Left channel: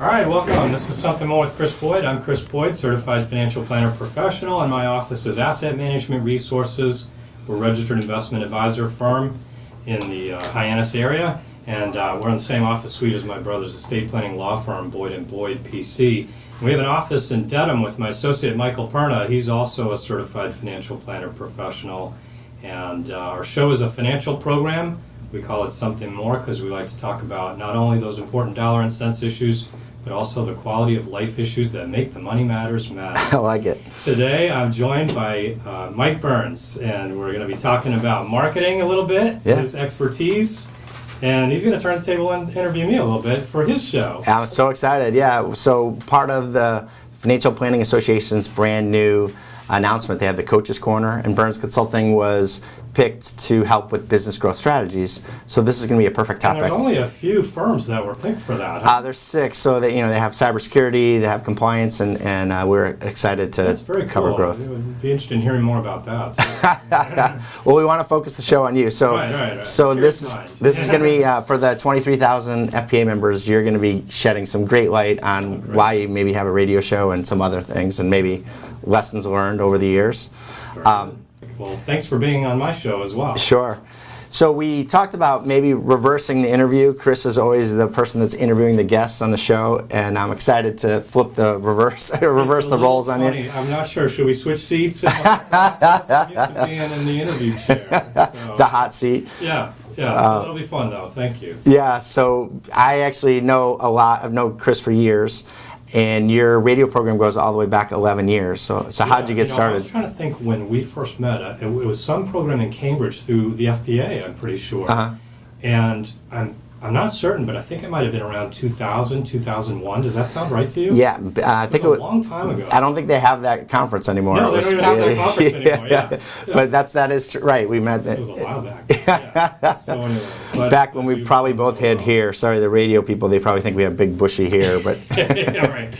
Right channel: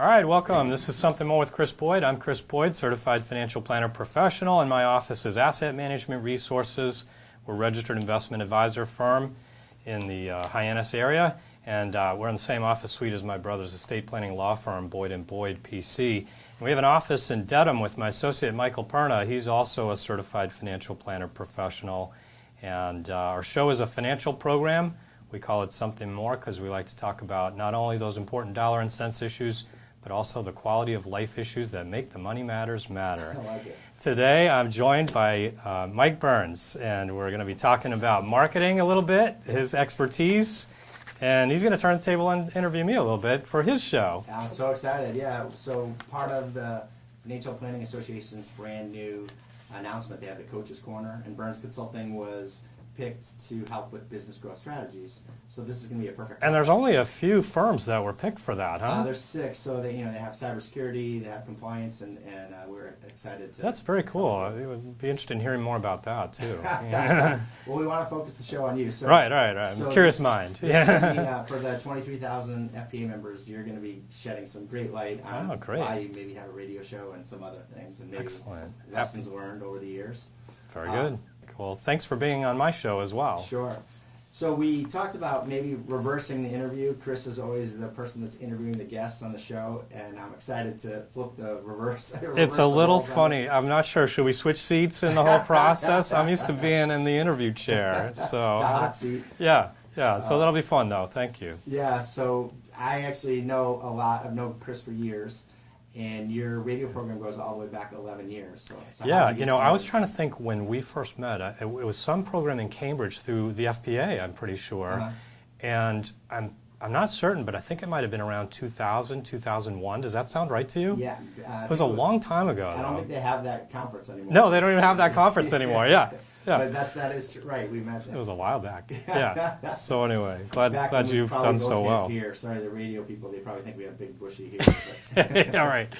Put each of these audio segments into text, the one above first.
All right, welcome. This is Something More with Chris Boyd. I'm Chris Boyd, Certified Financial Planner Professional, and my office is Asset Management Resources. We're a registered investment advisor firm in the Hyannis area, and we're in the same office suite as my brother's estate planning law firm, Boyd & Boyd, PC. We have an office in Dedham with my associate, Michael Byrnes. He's also a Certified Financial Planner Professional, and our show is a financial program. We call it Something More because we like to talk about not only those important dollar and cents issues, but also the quality of life issues that make the money matters matter. I like it. Today I'm joined by Mike Byrnes, and we're going to be talking about marketing a little bit, his expertise, and he's going to turn the table and interview me a little bit for his show. I'm so excited, So part of the Financial Planning Association's brand new announcement, they have the Coaches Corner, and Byrnes Consulting was picked to help with business growth strategies. So this is going to be a perfect topic. And there's only a few firms that were picked for that, huh? There's 6. So they have cybersecurity, they have compliance, and we're excited to That's very cover cool. growth. I would be interested in hearing more about that too. Well, we want to focus the show on you. So, right. So Curious this mind. this is going to be for the 23,000 FPA members. You're going to be shedding some great light on why you maybe have a radio show and some other things, and maybe lessons learned over the years. Very good. Well, thanks for being on my show as well. Sure. So we talked about maybe reversing the interview. Chris is always the person that's interviewing the guests on the show, and I'm excited to flip the reverse the roles on you. I'm not sure. Should we switch seats in the whole process? I'm used to being in the interview chair. So, the hot seat. Yeah. So that'll be fun, though. Thank you. Yeah. So I actually know a lot. I've known Chris for years. And your radio program goes all the way back 11 years. So how did you get started? I was trying to think when we first met. It was some program in Cambridge through the FPA, I'm pretty sure. And I'm not certain, but I think it might have been around 2000, 2001. Does that sound right to you? Yeah, I think it was a long time ago. I don't think they have that conference anymore. No, they don't even have that conference anymore. Yeah. But that is right. We met. It was a while back. Yeah. So anyway, back when we probably both had hair. Sorry, the radio people. They probably think we have big bushy hair, but yeah, right.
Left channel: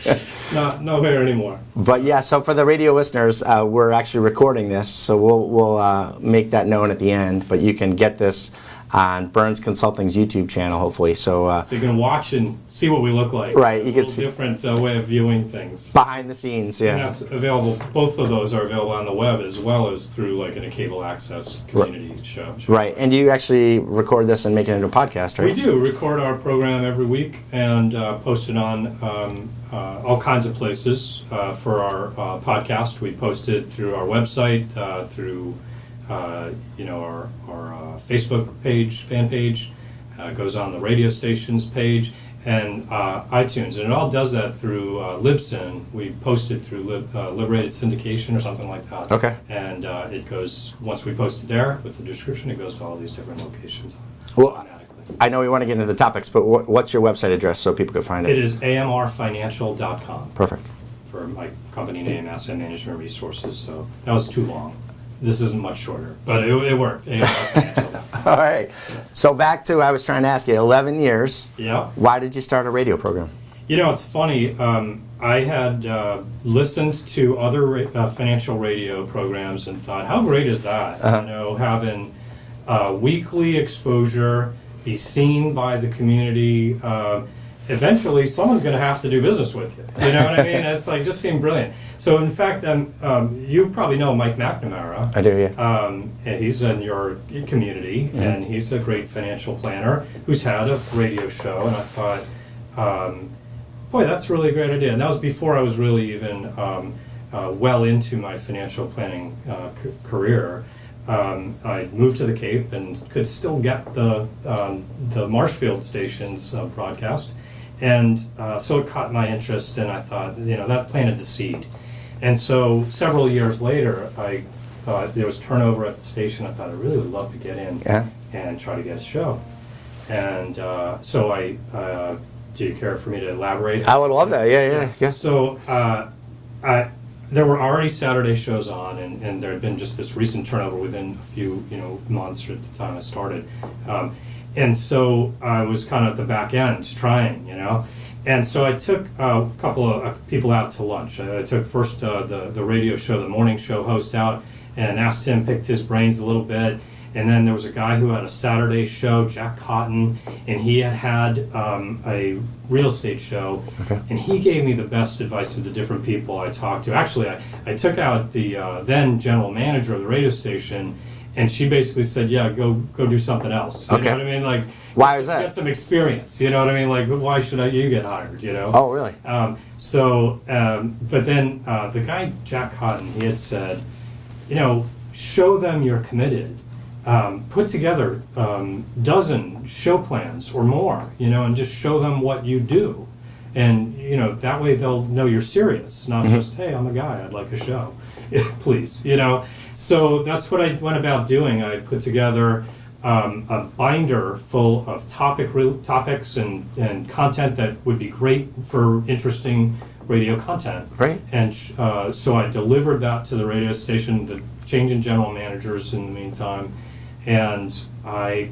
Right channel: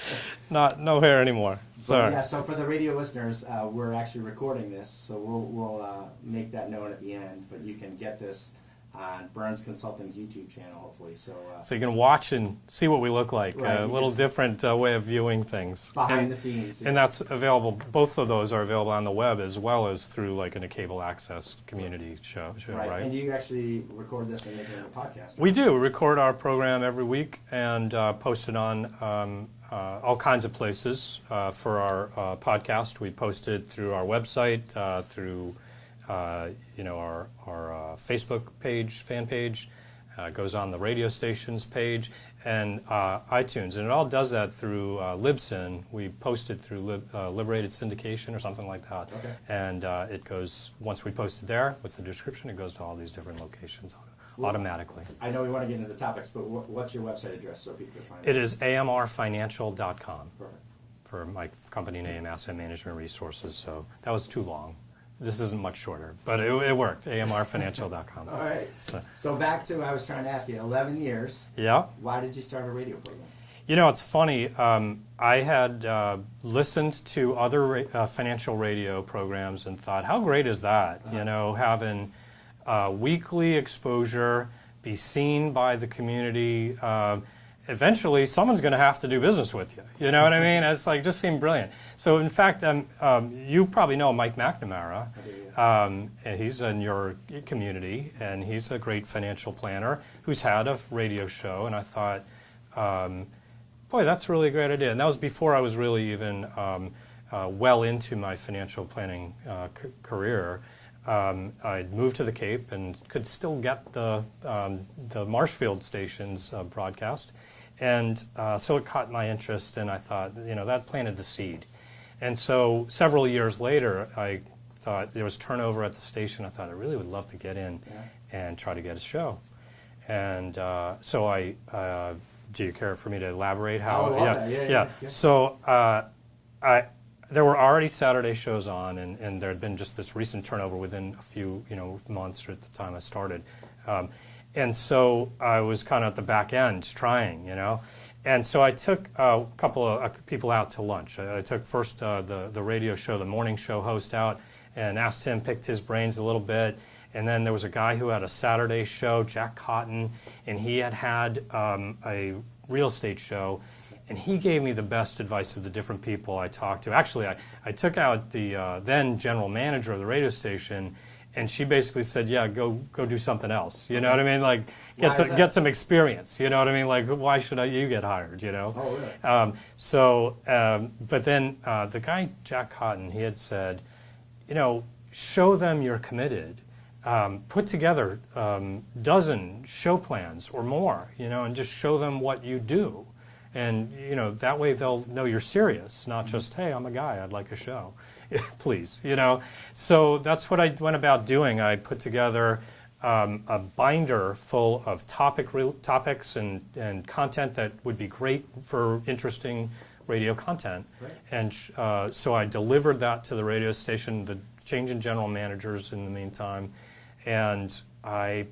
No hair anymore. But yeah, so for the radio listeners, we're actually recording this, so we'll make that known at the end. But you can get this on Byrnes Consulting's YouTube channel, hopefully. So you can watch and see what we look like. Right. A little different way of viewing things. Behind the scenes, yeah. And that's available, both of those are available on the web as well as through like in a cable access community show. Right. And you actually record this and make it into a podcast, right? We do. Record our program every week and post it on all kinds of places for our podcast. We post it through our website, through our Facebook page, fan page, goes on the radio station's page, and iTunes. And it all does that through Libsyn. We post it through Liberated Syndication or something like that. Okay. And it goes, once we post it there with the description, it goes to all these different locations automatically. I know we want to get into the topics, but what's your website address so people can find it? It is amrfinancial.com. Perfect. For my company name, Asset Management Resources. So that was too long. This isn't much shorter, but it worked. All right. So back to, I was trying to ask you, 11 years. Yeah. Why did you start a radio program? It's funny. I had listened to other financial radio programs and thought, how great is that? Having weekly exposure, be seen by the community. Eventually, someone's going to have to do business with you. You know what I mean? It's like just seemed brilliant. So, in fact, you probably know Mike McNamara. I do, yeah. He's in your community, and he's a great financial planner who's had a radio show. And I thought, boy, that's a really great idea. And that was before I was really even well into my financial planning career. I moved to the Cape and could still get the Marshfield station's broadcast. And so it caught my interest, and I thought, that planted the seed. And so several years later, I thought there was turnover at the station. I thought I really would love to get in and try to get a show. And so do you care for me to elaborate? I would love that, yeah. So there were already Saturday shows on, and there had been just this recent turnover within a few months at the time I started. And so I was kind of at the back end trying, And so I took a couple of people out to lunch. I took first the radio show, the morning show host out, and asked him, picked his brains a little bit. And then there was a guy who had a Saturday show, Jack Cotton, and he had a real estate show. Okay. And he gave me the best advice of the different people I talked to. Actually, I took out the then general manager of the radio station, and she basically said, yeah, go do something else. You know what I mean? Like, why is that? Get some experience. You know what I mean? Like, why should you get hired, you know? Oh, really? But then the guy, Jack Cotton, he had said, you know, show them you're committed. Put together dozen show plans or more, you know, and just show them what you do. And, you know, that way they'll know you're serious, not just, hey, I'm a guy, I'd like a show. Please, you know. So that's what I went about doing. I put together a binder full of topics and content that would be great for interesting radio content. Right. And so I delivered that to the radio station, the change in general managers in the meantime, and I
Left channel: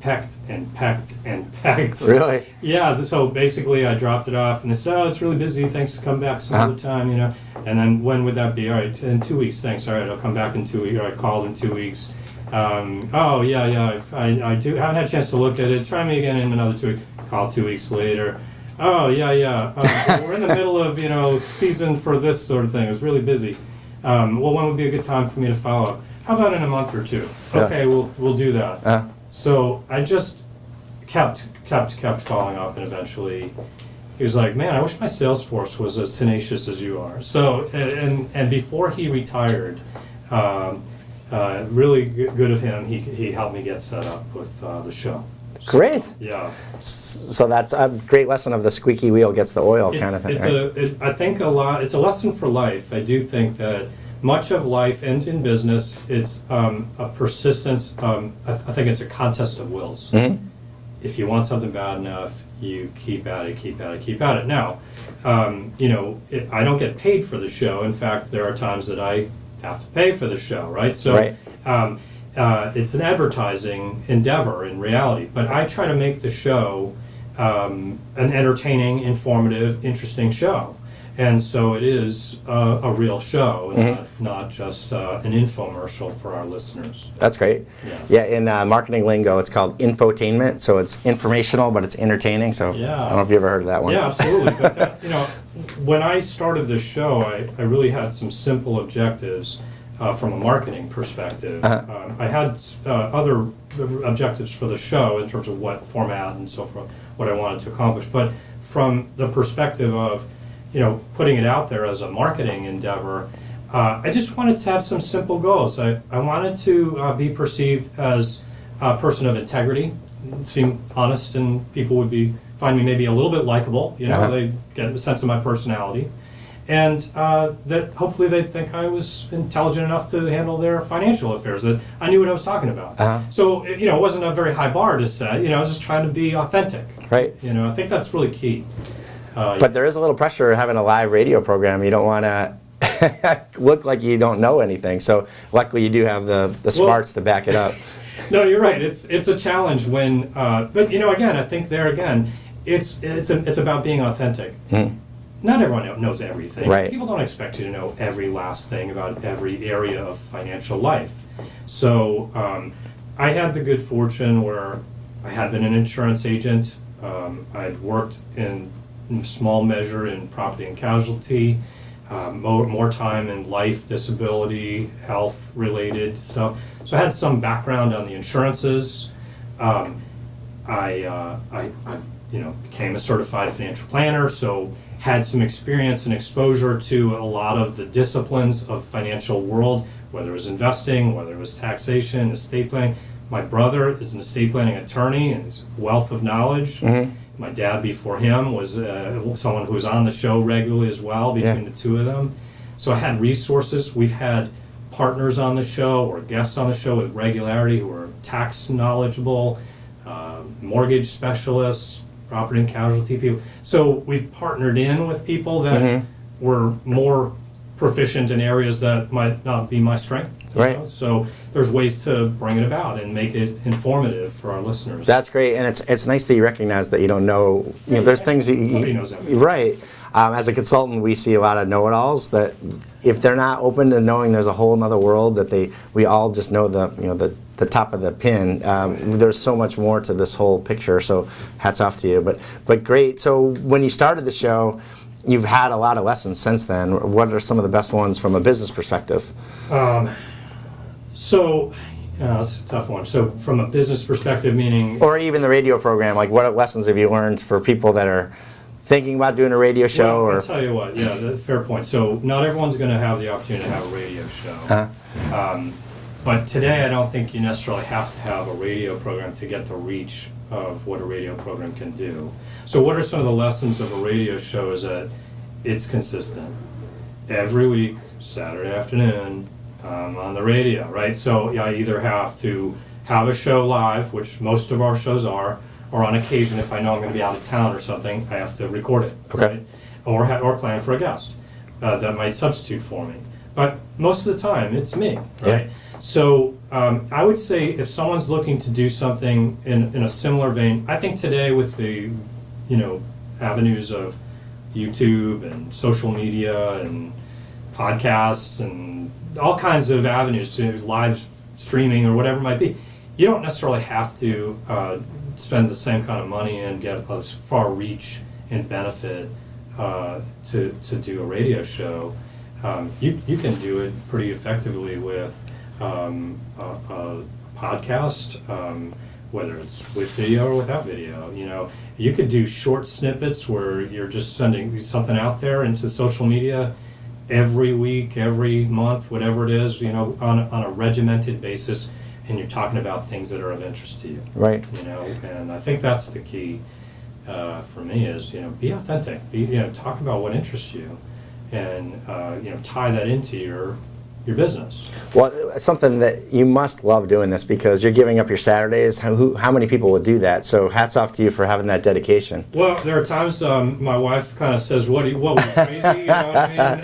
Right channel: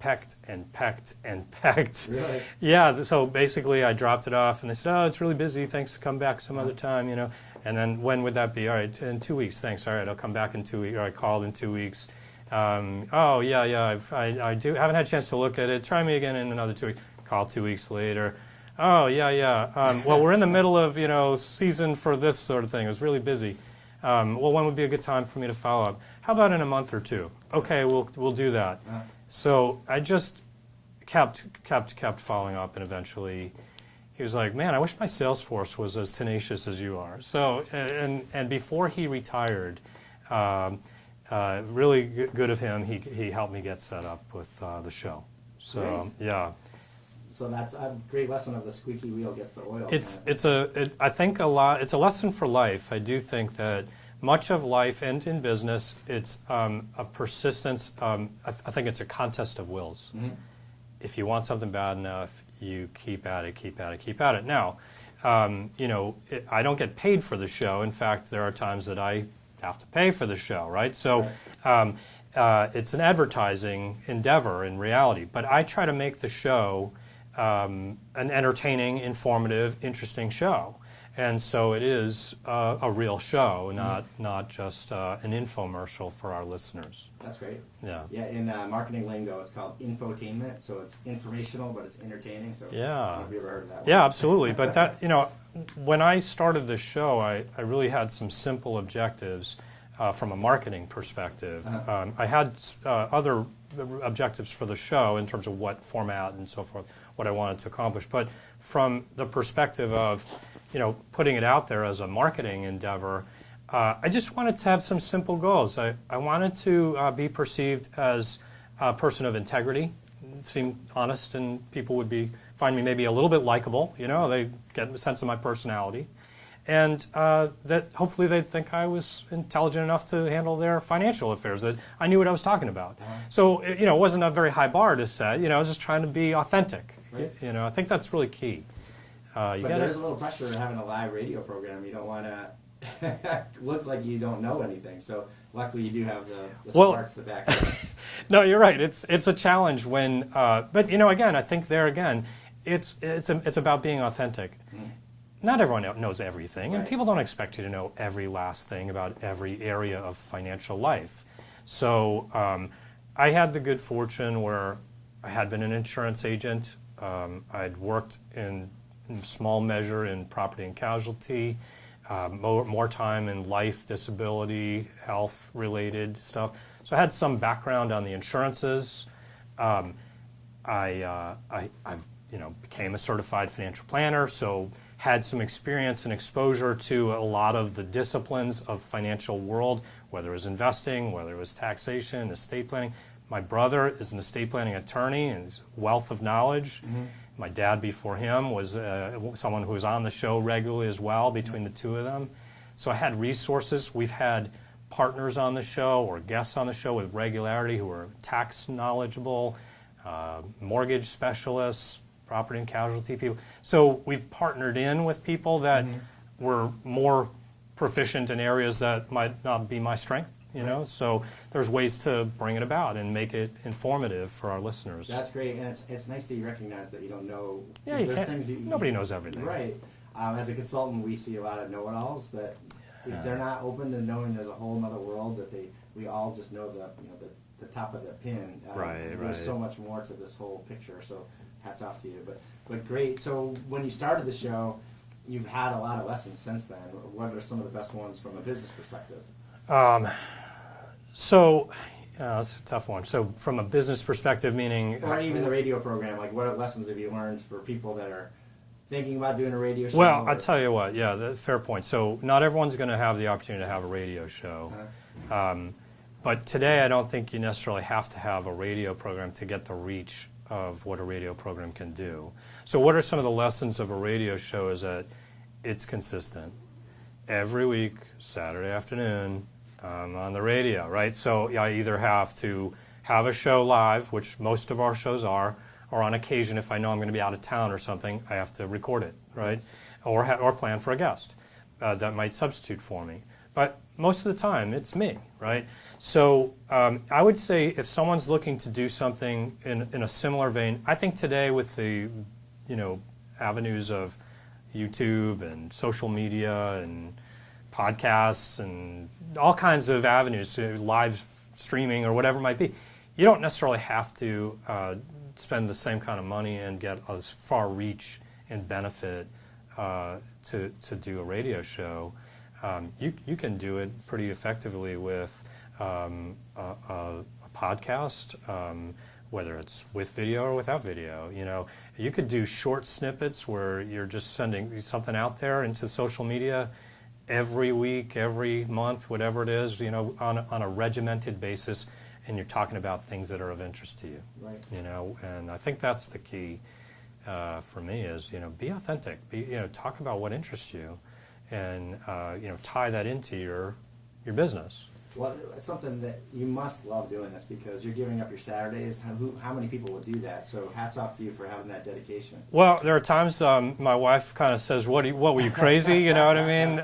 pecked and pecked and pecked. Really? Yeah, so basically I dropped it off and they said, oh, it's really busy, thanks, come back some other time, you know. And then when would that be? All right, in 2 weeks, thanks, all right, I'll come back in 2 weeks, or I called in 2 weeks. Oh, yeah, I haven't had a chance to look at it, try me again in another 2 weeks. Call 2 weeks later. Oh, yeah, well, we're in the middle of, you know, season for this sort of thing, it was really busy. Well, when would be a good time for me to follow up? How about in a month or two? Okay, we'll do that. So I just kept following up, and eventually he was like, man, I wish my sales force was as tenacious as you are. So, and before he retired, really good of him, he helped me get set up with the show. Great. So, yeah. So that's a great lesson of the squeaky wheel gets the oil kind of thing. I think it's a lesson for life. I do think that much of life and in business, it's a persistence. I think it's a contest of wills. Mm-hmm. If you want something bad enough, you keep at it. Now, you know, I don't get paid for the show. In fact, there are times that I have to pay for the show, right? So it's an advertising endeavor in reality. But I try to make the show an entertaining, informative, interesting show. And so it is a real show, not just an infomercial for our listeners. That's great. Yeah, in marketing lingo, it's called infotainment. So it's informational, but it's entertaining. So I don't know if you ever heard of that one. Yeah, absolutely. But that, you know, when I started this show, I really had some simple objectives from a marketing perspective. I had other objectives for the show in terms of what format and so forth, what I wanted to accomplish. But from the perspective of, you know, putting it out there as a marketing endeavor, I just wanted to have some simple goals. I wanted to be perceived as a person of integrity, seem honest, and people would find me maybe a little bit likable. You know, they get a sense of my personality, and that hopefully they'd think I was intelligent enough to handle their financial affairs, that I knew what I was talking about. So, you know, it wasn't a very high bar to set. You know, I was just trying to be authentic. Right. You know, I think that's really key. But there is a little pressure having a live radio program. You don't want to look like you don't know anything. So luckily you do have the smarts to back it up. No, you're right. It's a challenge when, but you know, again, I think there again, it's about being authentic. Not everyone knows everything. Right. People don't expect you to know every last thing about every area of financial life. So I had the good fortune where I had been an insurance agent. I'd worked in small measure in property and casualty, more time in life, disability, health related stuff. So I had some background on the insurances. I you know, became a certified financial planner, so had some experience and exposure to a lot of the disciplines of financial world, whether it was investing, whether it was taxation, estate planning. My brother is an estate planning attorney and he's a wealth of knowledge. My dad before him was someone who was on the show regularly as well, between the two of them. So I had resources. We've had partners on the show or guests on the show with regularity who are tax knowledgeable, mortgage specialists, property and casualty people. So we've partnered in with people that were more proficient in areas that might not be my strength. You know? So there's ways to bring it about and make it informative for our listeners. That's great, and it's nice that you recognize that you don't know. You know, there's things nobody knows everything. Right. As a consultant, we see a lot of know-it-alls that if they're not open to knowing there's a whole other world, that we all just know the the top of the pin. There's so much more to this whole picture, so hats off to you. But great. So when you started the show, you've had a lot of lessons since then. What are some of the best ones from a business perspective? So, that's a tough one. So from a business perspective, meaning... Or even the radio program, like what lessons have you learned for people that are thinking about doing a radio show? Well, I'll tell you what, fair point. So not everyone's going to have the opportunity to have a radio show. But today I don't think you necessarily have to have a radio program to get the reach of what a radio program can do. So what are some of the lessons of a radio show is that it's consistent. Every week, Saturday afternoon, on the radio, right? So I either have to have a show live, which most of our shows are, or on occasion, if I know I'm going to be out of town or something, I have to record it, right? Or plan for a guest that might substitute for me. But most of the time, it's me, right? Yeah. So I would say if someone's looking to do something in a similar vein, I think today with the, avenues of YouTube and social media and podcasts and all kinds of avenues, live streaming or whatever it might be, you don't necessarily have to spend the same kind of money and get as far reach and benefit to do a radio show. You can do it pretty effectively with a podcast, whether it's with video or without video. You could do short snippets where you're just sending something out there into social media every week, every month, whatever it is, on a regimented basis, and you're talking about things that are of interest to you. Right. And I think that's the key for me is, be authentic. Talk about what interests you, and tie that into your business. Well, something that you must love doing this because you're giving up your Saturdays. How many people would do that? So hats off to you for having that dedication. Well, there are times my wife kind of says, "What were you crazy?" You know what I mean?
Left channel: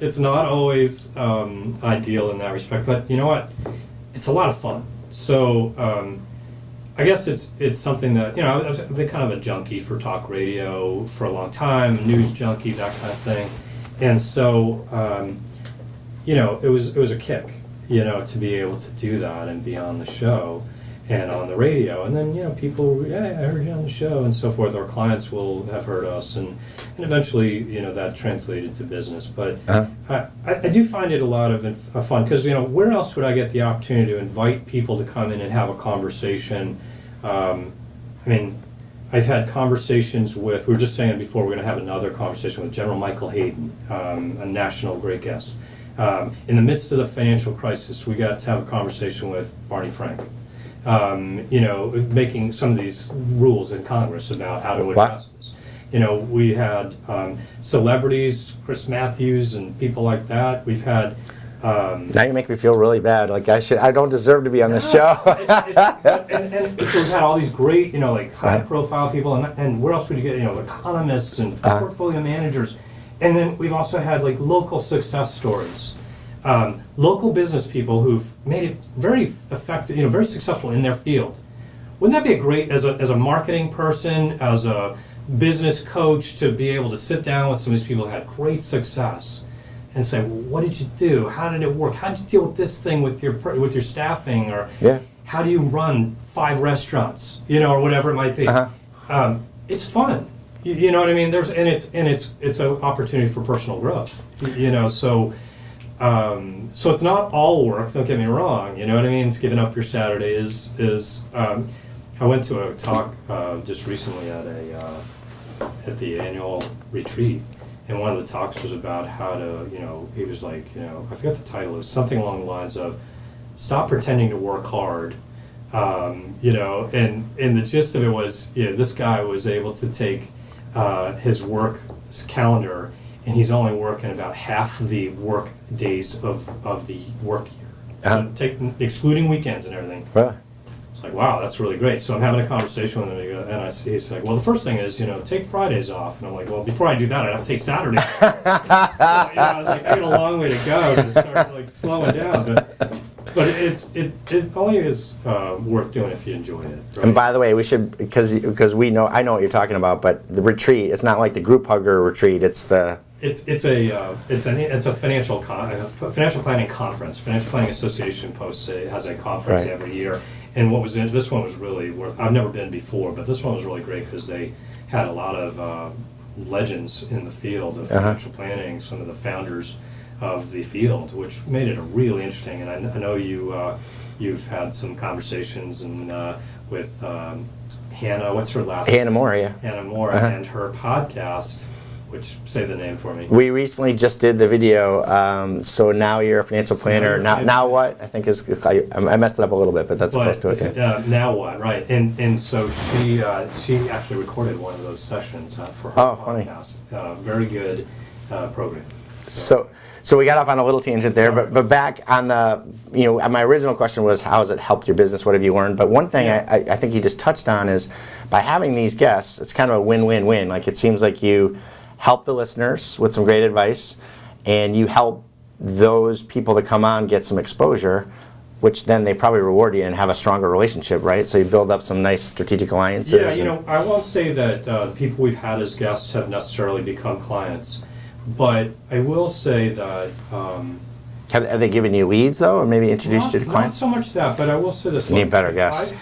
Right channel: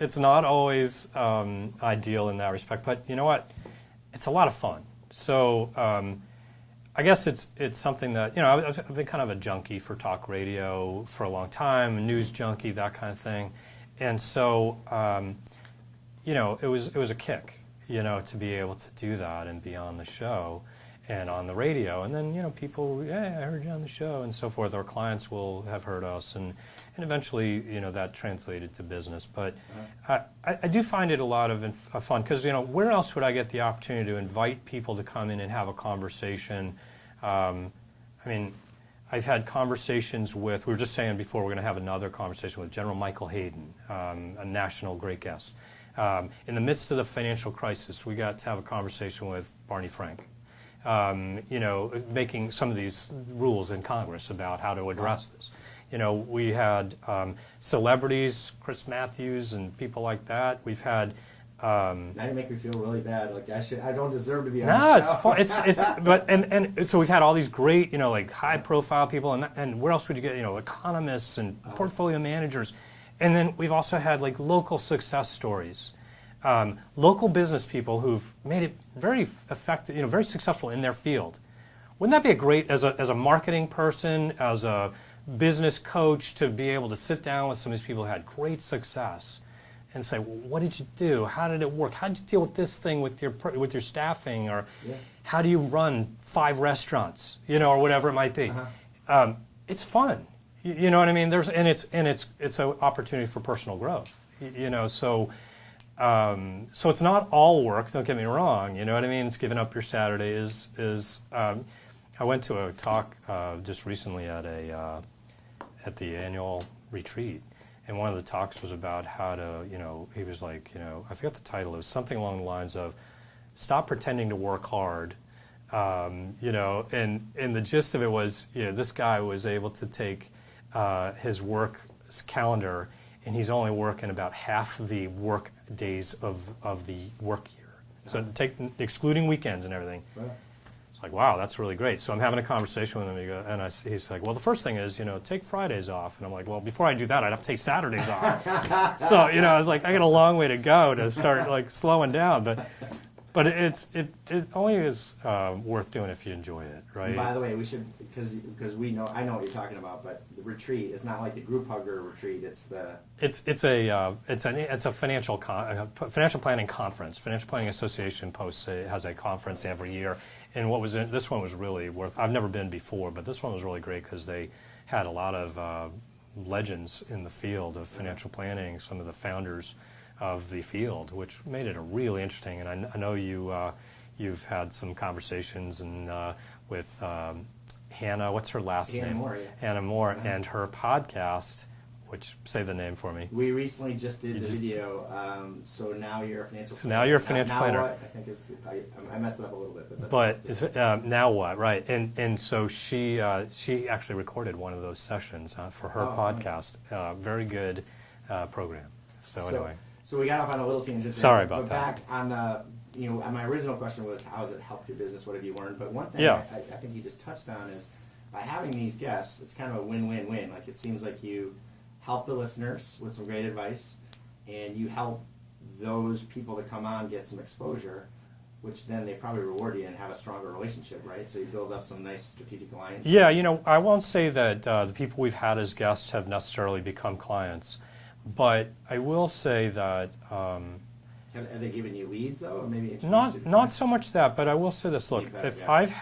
It's not always ideal in that respect, but you know what? It's a lot of fun. So I guess it's something that I've been kind of a junkie for talk radio for a long time, a news junkie, that kind of thing, and so. It was a kick, to be able to do that and be on the show and on the radio. And then, people, I heard you on the show and so forth. Our clients will have heard us and eventually, that translated to business. But I do find it a lot of fun because, where else would I get the opportunity to invite people to come in and have a conversation? I've had conversations with, we were just saying before, we're going to have another conversation with General Michael Hayden, a national great guest. In the midst of the financial crisis, we got to have a conversation with Barney Frank, making some of these rules in Congress about how to address this. We had celebrities, Chris Matthews and people like that. We've had... now you make me feel really bad. Like I don't deserve to be on this show. But we've had all these great, high-profile people, and where else would you get, economists and portfolio managers. And then we've also had local success stories, local business people who've made it very effective, very successful in their field. Wouldn't that be a great, as a marketing person, as a business coach, to be able to sit down with some of these people who had great success and say, well, what did you do? How did it work? How did you deal with this thing with your staffing? Or how do you run 5 restaurants? Or whatever it might be. It's fun. You know what I mean? It's an opportunity for personal growth. So it's not all work. Don't get me wrong. You know what I mean? It's giving up your Saturday is. I went to a talk just recently at the annual retreat, and one of the talks was about how to he was like I forget the title. It was something along the lines of stop pretending to work hard. And the gist of it was this guy was able to take his work calendar, and he's only working about half the work days of the work year. So excluding weekends and everything. Right. It's like, wow, that's really great. So I'm having a conversation with him, and he's like, well, the first thing is, take Fridays off. And I'm like, well, before I do that, I'd have to take Saturdays off. So, I was like, I got a long way to go to start slowing down. But it only is worth doing if you enjoy it. Right? And by the way, we should, because I know what you're talking about, but the retreat, it's not like the group hugger retreat, it's the It's a financial planning conference. Financial Planning Association has a conference Right. every year, and this one was really worth. I've never been before, but this one was really great because they had a lot of legends in the field of financial planning. Some of the founders of the field, which made it really interesting. And I know you've had some conversations with Hannah. What's her last name? Hannah Moore, yeah. Hannah Moore, and her podcast. Which, say the name for me. We recently just did the video, so now you're a financial planner. Now what? I think I messed it up a little bit, but that's close to it. Yeah. Now what? Right, and so she actually recorded one of those sessions for her podcast. Very good program. So we got off on a little tangent there, Sorry but back on my original question was, how has it helped your business? What have you learned? But one thing I think you just touched on is, by having these guests, it's kind of a win-win-win. Like, it seems like you help the listeners with some great advice, and you help those people that come on get some exposure, which then they probably reward you and have a stronger relationship, right? So you build up some nice strategic alliances. Yeah, I won't say that the people we've had as guests have necessarily become clients, but I will say that... Have they given you leads, though, or maybe introduced you to clients? Not so much that, but I will say this. You need better guests.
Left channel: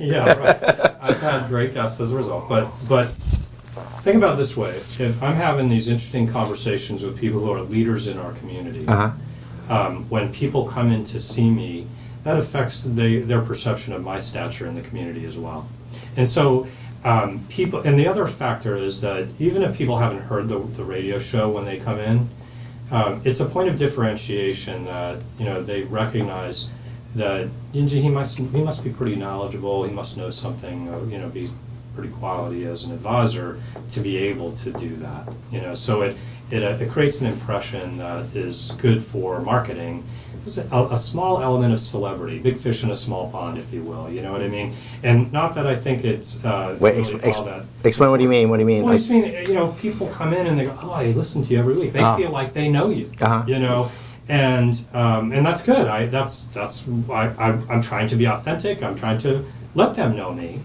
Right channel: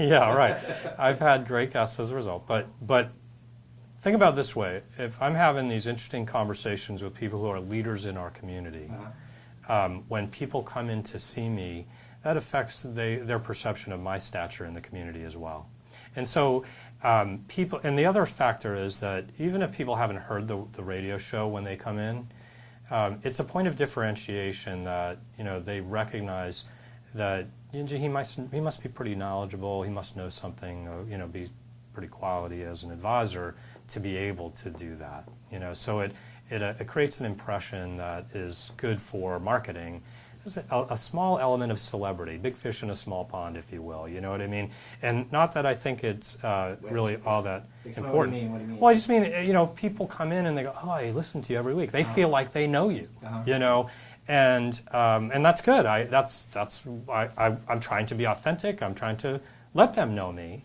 Yeah, right. I've had great guests as a result, but think about it this way. If I'm having these interesting conversations with people who are leaders in our community, when people come in to see me, that affects their perception of my stature in the community as well. And so people, and the other factor is that even if people haven't heard the radio show when they come in, it's a point of differentiation that they recognize that he must be pretty knowledgeable. He must know something. Be pretty quality as an advisor to be able to do that. So it creates an impression that is good for marketing. There's a small element of celebrity, big fish in a small pond, if you will. You know what I mean? And not that I think it's really all that. Explain what do you mean? What do you mean? Well, I just mean, people come in and they go, "Oh, I listen to you every week." They feel like they know you. And that's good. I'm trying to be authentic. I'm trying to let them know me.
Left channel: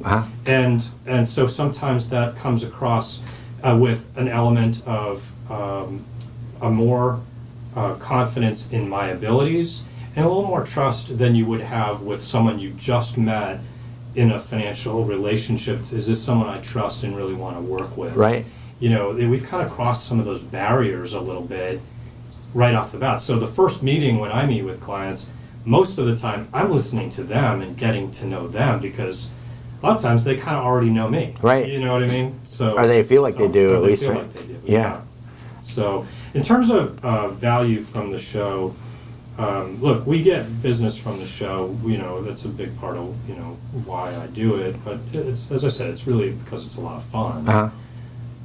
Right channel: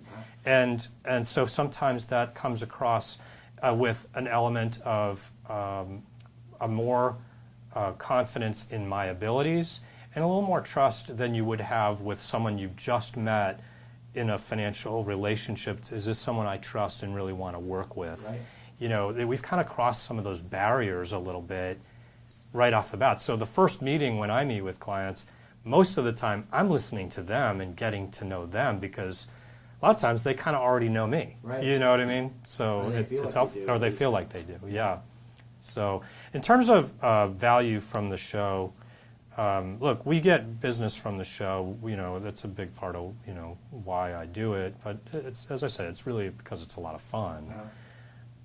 And so sometimes that comes across with an element of a more confidence in my abilities and a little more trust than you would have with someone you just met in a financial relationship. Is this someone I trust and really want to work with? Right. We've kind of crossed some of those barriers a little bit right off the bat. So the first meeting when I meet with clients, most of the time I'm listening to them and getting to know them, because a lot of times they kind of already know me. Right. You know what I mean? So, or they feel like they do, at least. They feel like they do. Yeah. So in terms of value from the show, look, we get business from the show. That's a big part of why I do it. But it's, as I said, it's really because it's a lot of fun.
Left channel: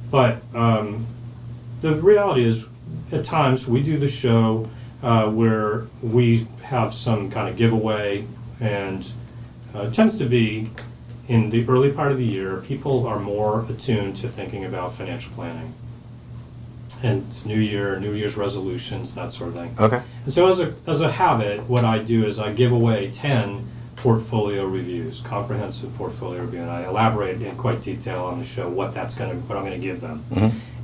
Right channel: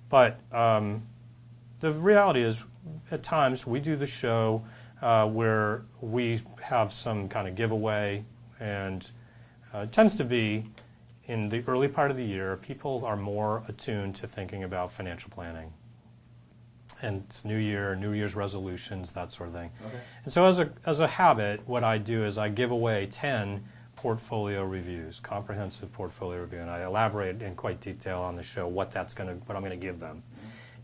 But the reality is, at times we do the show where we have some kind of giveaway, and it tends to be in the early part of the year. People are more attuned to thinking about financial planning. And it's New Year's resolutions, that sort of thing. Okay. And so as a habit, what I do is I give away 10 portfolio reviews, comprehensive portfolio review, and I elaborate in quite detail on the show what I'm going to give them.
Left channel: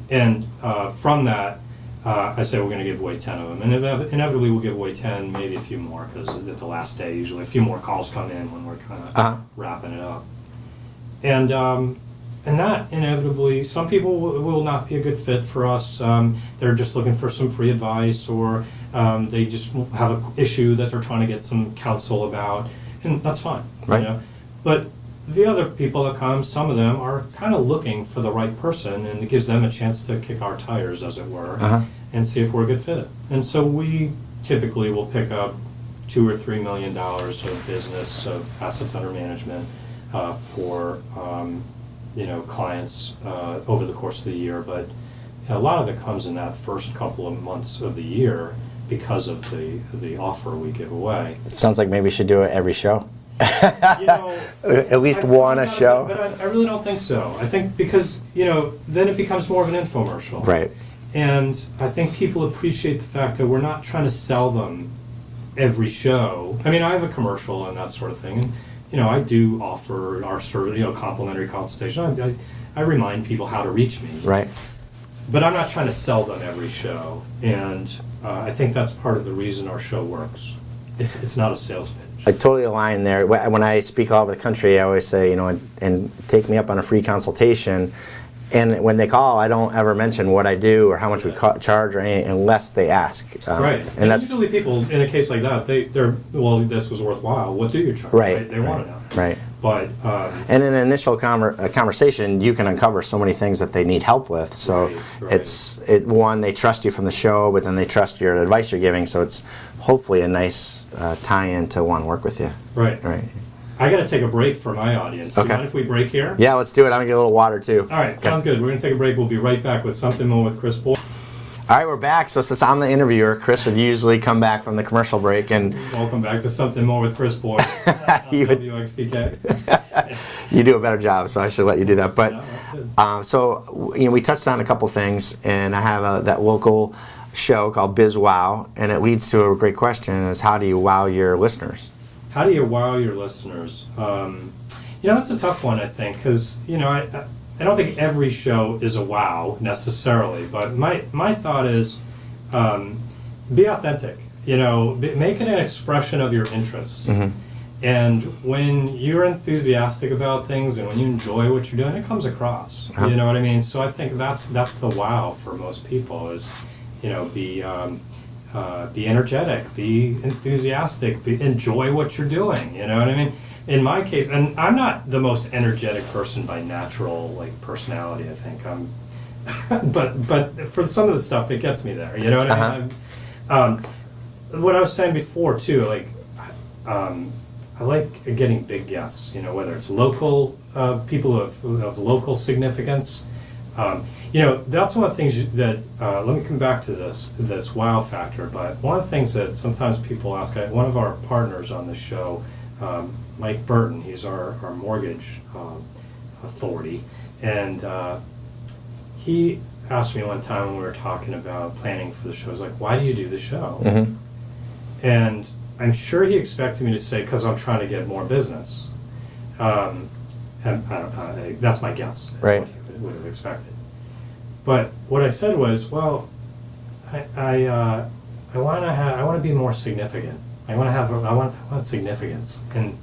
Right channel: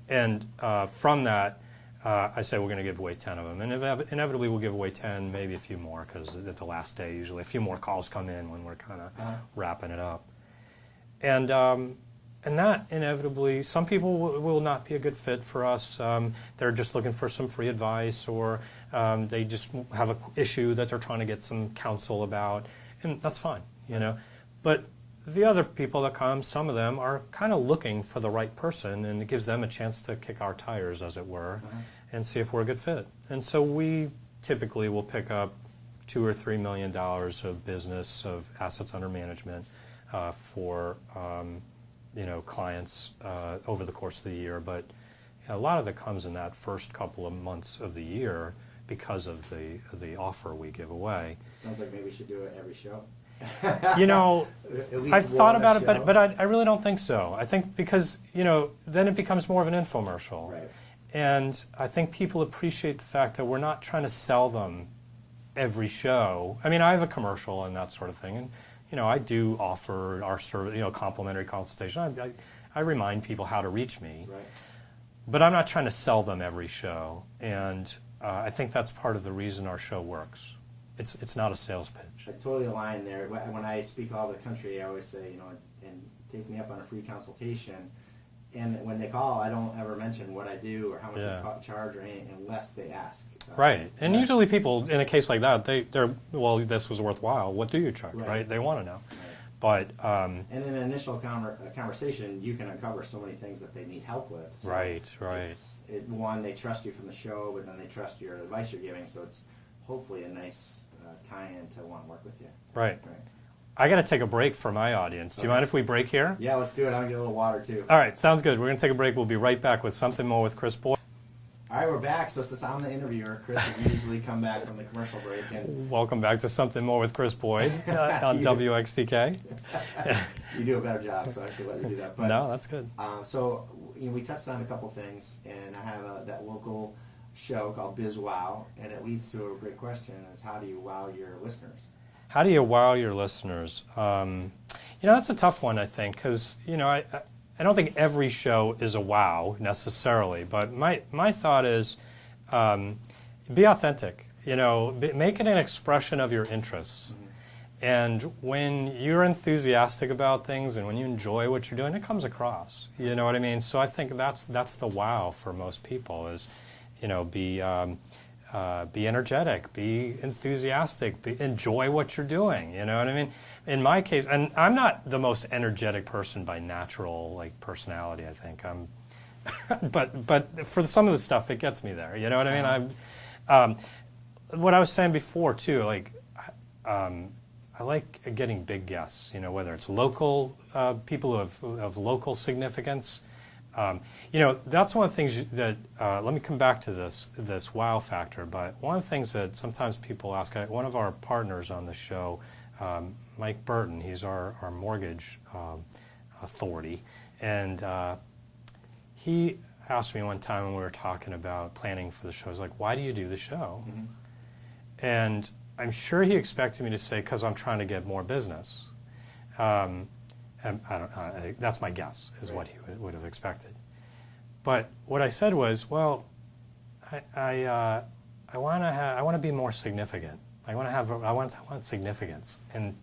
And from that, I say we're going to give away 10 of them, and inevitably we'll give away 10, maybe a few more, because at the last day usually a few more calls come in when we're kind of wrapping it up. And that inevitably, some people will not be a good fit for us. They're just looking for some free advice, or they just have an issue that they're trying to get some counsel about, and that's fine. Right. But the other people that come, some of them are kind of looking for the right person, and it gives them a chance to kick our tires, as it were, and see if we're a good fit. And so we typically will pick up $2 or $3 million of business, of assets under management for clients over the course of the year. But a lot of it comes in that first couple of months of the year because of the offer we give away. It sounds like maybe we should do it every show. At least one a show. But I really don't think so. I think because then it becomes more of an infomercial. Right. And I think people appreciate the fact that we're not trying to sell them every show. I mean, I have a commercial and that sort of thing, and I do offer our service, complimentary consultation. I remind people how to reach me. Right. but I'm not trying to sell them every show, and I think that's part of the reason our show works. It's not a sales pitch. I totally align there. When I speak all over the country, I always say, and take me up on a free consultation. And when they call, I don't ever mention what I do or how much we charge or anything unless they ask. Right. And that's, usually people, in a case like that, they're, well, this was worthwhile. What do you charge? Right. They want to know. Right. But and in an initial conversation, you can uncover so many things that they need help with. So it's one, they trust you from the show, but then they trust your advice you're giving. So it's hopefully a nice tie-in to want to work with you. Right. Right. I got to take a break for my audience. Do you mind if we break here? Yeah, let's do it. I'm going to get a little water, too. All right, sounds good. We're going to take a break. We'll be right back with Something More with Chris Boyd. All right, we're back. So since I'm the interviewer, Chris would usually come back from the commercial break. And welcome back to Something More with Chris Boyd on WXTK. You do a better job, so I should let you do that. But, no, that's good. So we touched on a couple things, and I have that local show called Biz Wow, and it leads to a great question: is how do you wow your listeners? How do you wow your listeners? That's a tough one, I think, because I don't think every show is a wow necessarily, but my thought is be authentic. Make it an expression of your interests. Mm-hmm. And when you're enthusiastic about things and when you enjoy what you're doing, it comes across. Uh-huh. You know what I mean? So I think that's the wow for most people is, be energetic, be enthusiastic, enjoy what you're doing. You know what I mean? In my case, and I'm not the most energetic person by natural personality. I think but for some of the stuff, it gets me there. You know what I mean? What I was saying before too, I like getting big guests. Whether it's local people of local significance. That's one of the things that, let me come back to this wow factor, but one of the things that sometimes people ask, one of our partners on the show, Mike Byrnes, he's our mortgage authority, and he asked me one time when we were talking about planning for the show, he's like, why do you do the show? Mm-hmm. And I'm sure he expected me to say, because I'm trying to get more business. And that's my guess. That's right. What he would have expected. But what I said was, well, I want to be more significant. I want significance, and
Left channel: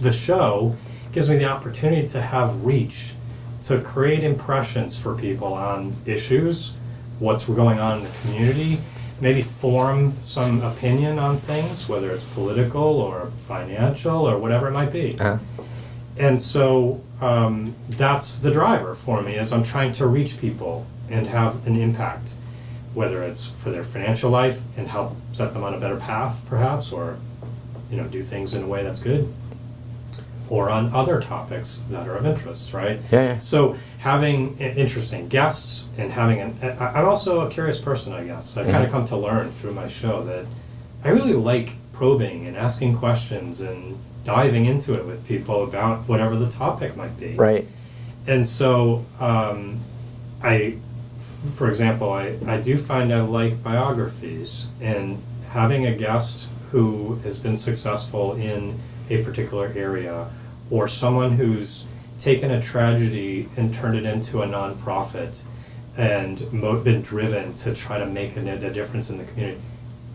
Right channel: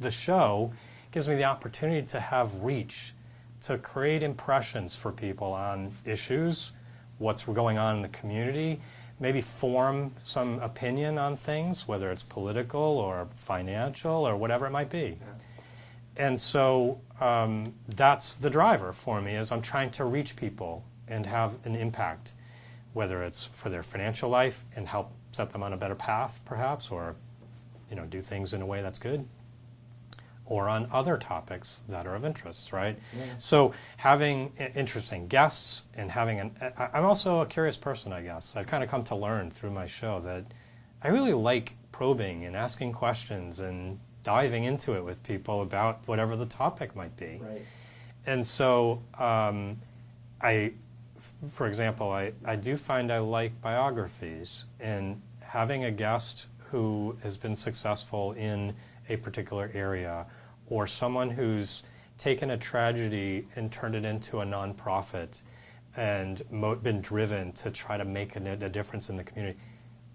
the show gives me the opportunity to have reach, to create impressions for people on issues, what's going on in the community, maybe form some opinion on things, whether it's political or financial or whatever it might be. Uh-huh. And so that's the driver for me, is I'm trying to reach people and have an impact, whether it's for their financial life and help set them on a better path, perhaps, or do things in a way that's good, or on other topics that are of interest, right? Yeah. So having interesting guests and I'm also a curious person, I guess. I've kind of come to learn through my show that I really like probing and asking questions and diving into it with people about whatever the topic might be. Right. And so for example, I do find I like biographies, and having a guest who has been successful in a particular area, or someone who's taken a tragedy and turned it into a nonprofit and been driven to try to make a difference in the community,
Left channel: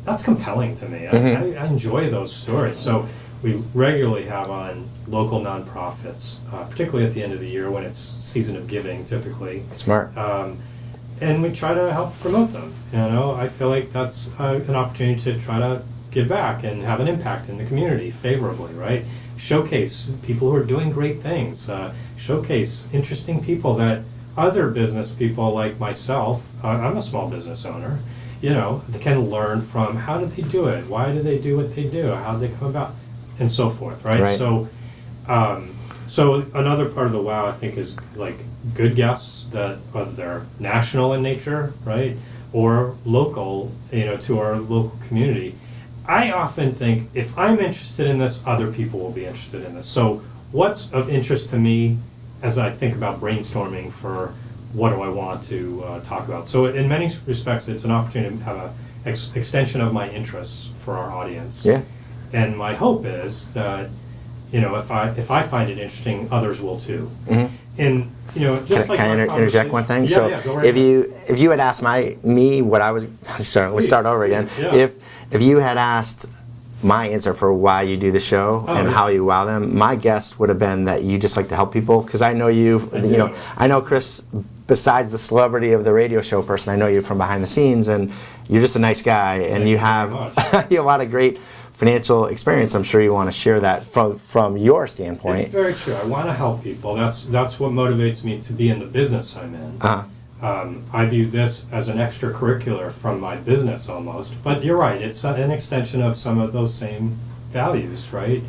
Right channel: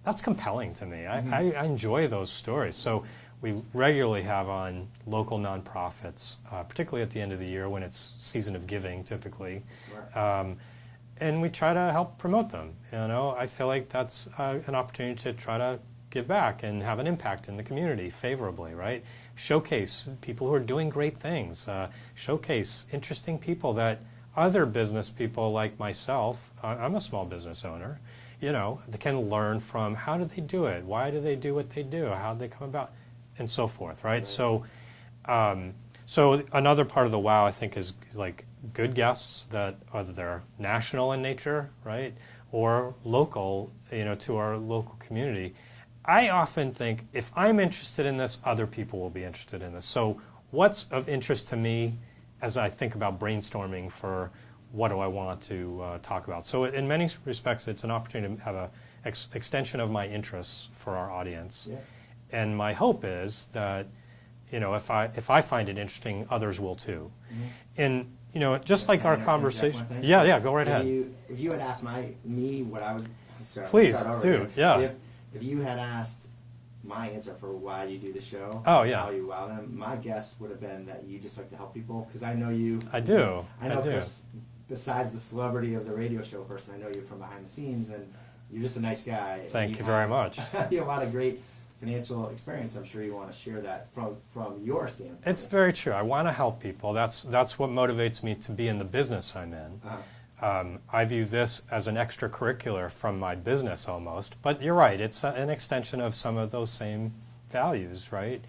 that's compelling to me. Mm-hmm. I enjoy those stories. So we regularly have on local nonprofits, particularly at the end of the year when it's season of giving, typically. Smart. And we try to help promote them. I feel like that's an opportunity to try to give back and have an impact in the community favorably, right? Showcase people who are doing great things. Showcase interesting people that other business people like myself, I'm a small business owner, they can learn from. How do they do it? Why do they do what they do? How do they come about? And so forth, right? So another part of the wow, I think, is good guests that whether they're national in nature, right, or local, to our local community. I often think if I'm interested in this, other people will be interested in this. So what's of interest to me as I think about brainstorming for what do I want to talk about? So in many respects, it's an opportunity to have an extension of my interests for our audience. Yeah. And my hope is that, if I find it interesting, others will too. Mm-hmm. And just like Can our I interject one thing? Yeah, So yeah, go right if ahead. if you had asked me what I was, sorry, let's start over again. Yeah. If you had asked my answer for why you do the show and how you wow them, my guess would have been that you just like to help people, because I know you. I know Chris. Besides the celebrity of the radio show person, I know you from behind the scenes, and you're just a nice guy, and Thank you you have very much. you have a lot of great financial experience. I'm sure you want to share that from your standpoint. It's very true. I want to help people. That's what motivates me to be in the business I'm in. I view this as an extracurricular from my business almost. But you're right. It's an extension of some of those same values, right?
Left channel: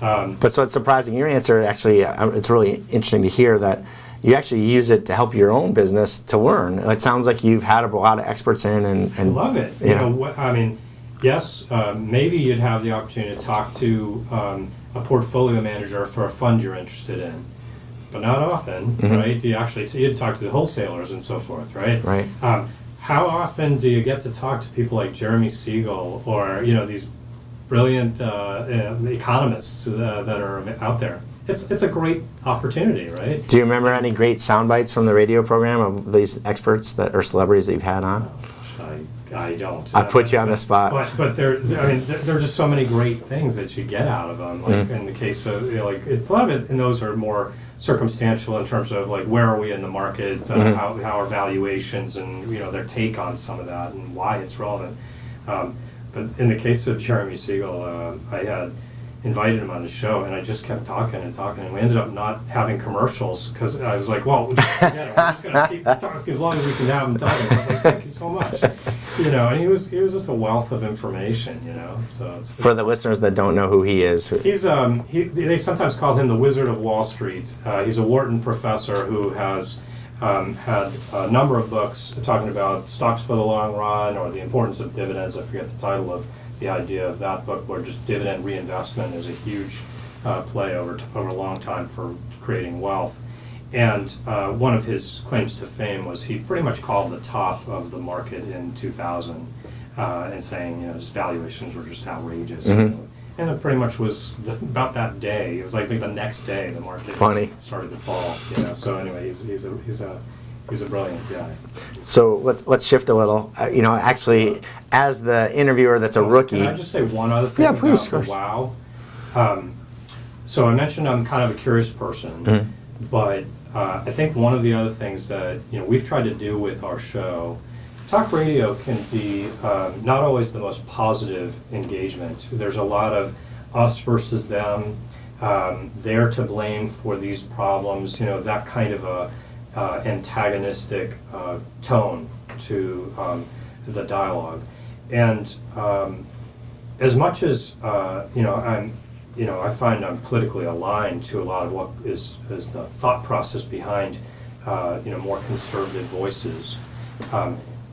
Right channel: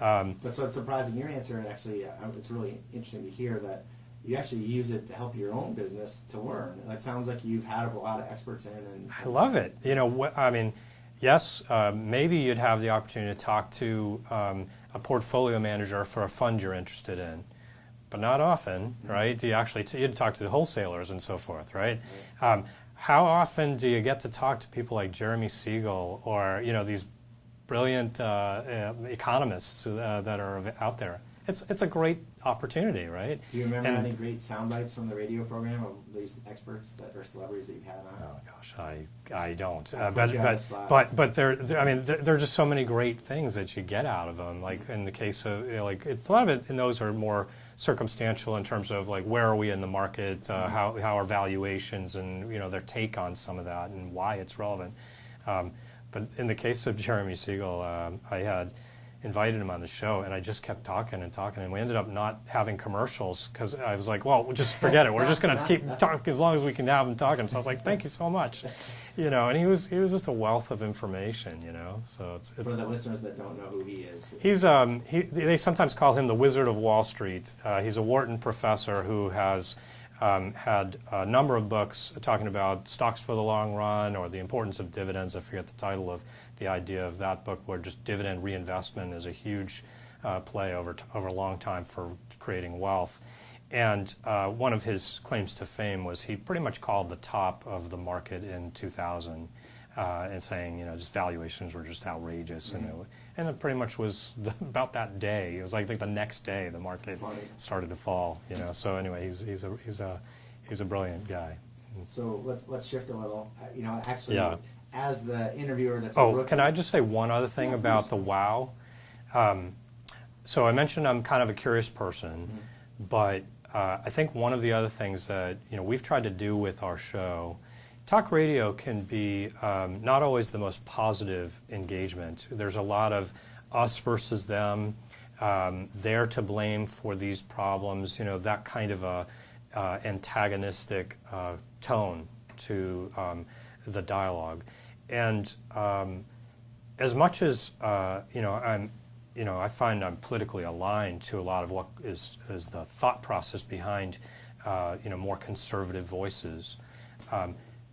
But so it's surprising. Your answer, actually, it's really interesting to hear that you actually use it to help your own business to learn. It sounds like you've had a lot of experts in, and I love it. I mean, yes, maybe you'd have the opportunity to talk to a portfolio manager for a fund you're interested in, but not often, right? You'd talk to the wholesalers and so forth, right? Right. How often do you get to talk to people like Jeremy Siegel or these brilliant economists that are out there? It's a great opportunity, right? Do you remember any great sound bites from the radio program of these experts that are celebrities that you've had on? I don't. I put you on the spot. But there are just so many great things that you get out of them. Like in the case of it's a lot of it, and those are more circumstantial in terms of like where are we in the market, how are valuations, and their take on some of that and why it's relevant. But in the case of Jeremy Siegel, I had invited him on the show, and I just kept talking, and we ended up not having commercials because I was like, well, just forget it. We're just going to keep talking as long as we can have him talking. So I was like, thank you so much. And he was just a wealth of information. So it's for the listeners that don't know who he is, he's they sometimes call him the Wizard of Wall Street. He's a Wharton professor who has had a number of books talking about stocks for the long run or the importance of dividends. I forget the title of the idea of that book, where just dividend reinvestment is a huge play over a long time for creating wealth. And one of his claims to fame was he pretty much called the top of the market in 2000 and saying, just valuations were just outrageous. And it pretty much was about that day. It was like the next day the market started to fall. So anyway, he's a brilliant guy. So let's shift a little. Actually, as the interviewer that's a rookie. Can I just say one other thing about the wow? So I mentioned I'm kind of a curious person, but I think one of the other things that we've tried to do with our show, talk radio can be not always the most positive engagement. There's a lot of us versus them. They're to blame for these problems. That kind of a antagonistic tone to the dialogue, and as much as I find I'm politically aligned to a lot of what is the thought process behind more conservative voices.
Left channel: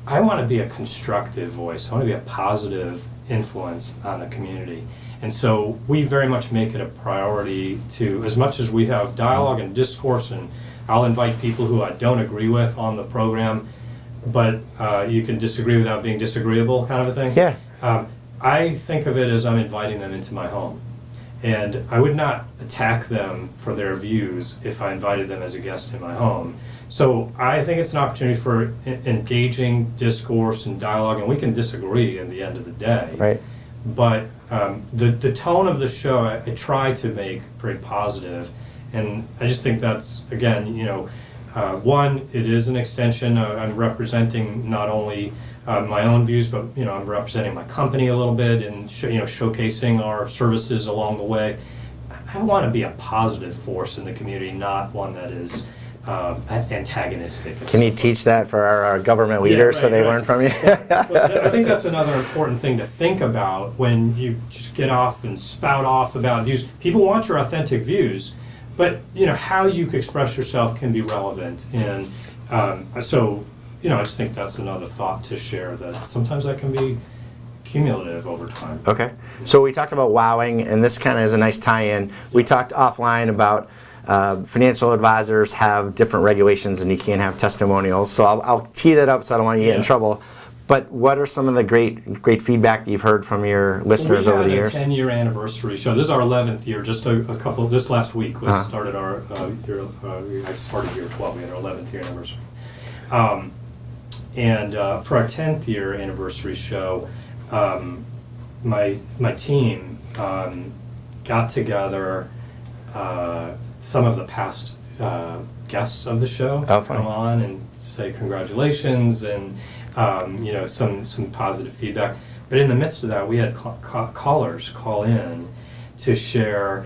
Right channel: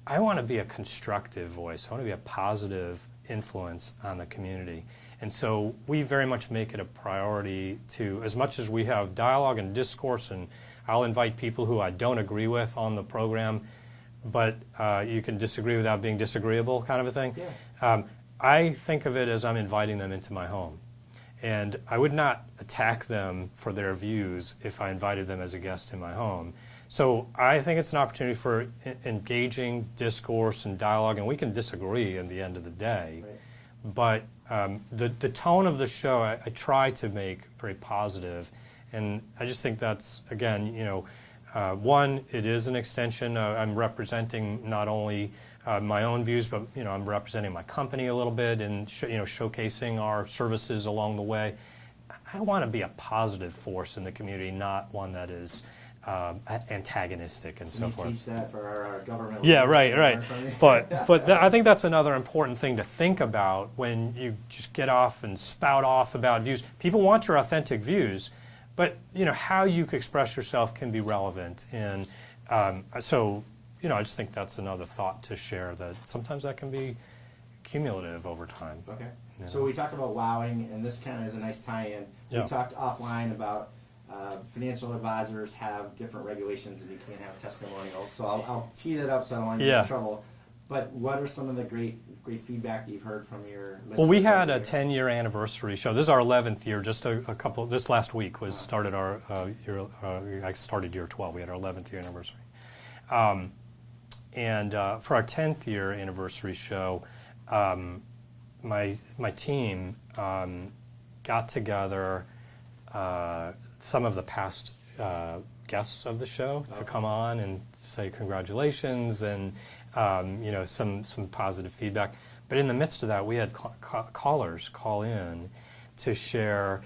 I want to be a constructive voice. I want to be a positive influence on the community. And so we very much make it a priority to, as much as we have dialogue and discourse, and I'll invite people who I don't agree with on the program, but you can disagree without being disagreeable, kind of a thing. Yeah. I think of it as I'm inviting them into my home. And I would not attack them for their views if I invited them as a guest in my home. So I think it's an opportunity for engaging discourse and dialogue, and we can disagree at the end of the day. Right. But the tone of the show, I try to make very positive, and I just think that's, again, one, it is an extension. I'm representing not only my own views, but I'm representing my company a little bit and showcasing our services along the way. I want to be a positive force in the community, not one that is antagonistic. Can you teach that for our government leaders so they learn from you? but I think that's another important thing to think about when you just get off and spout off about views. People want your authentic views, but how you express yourself can be relevant. And so I just think that's another thought to share, that sometimes that can be cumulative over time. Okay. So we talked about wowing, and this kind of is a nice tie-in. Yeah. We talked offline about financial advisors have different regulations, and you can't have testimonials. So I'll tee that up so I don't want to get in trouble. But what are some of the great feedback that you've heard from your listeners over the years? We had a 10-year anniversary show. This is our 11th year. Just last week started our year. I started year 12. We had our 11th year anniversary. And for our 10th year anniversary show, my team got together some of the past guests of the show to come on and say congratulations and some positive feedback. But in the midst of that, we had callers call in to share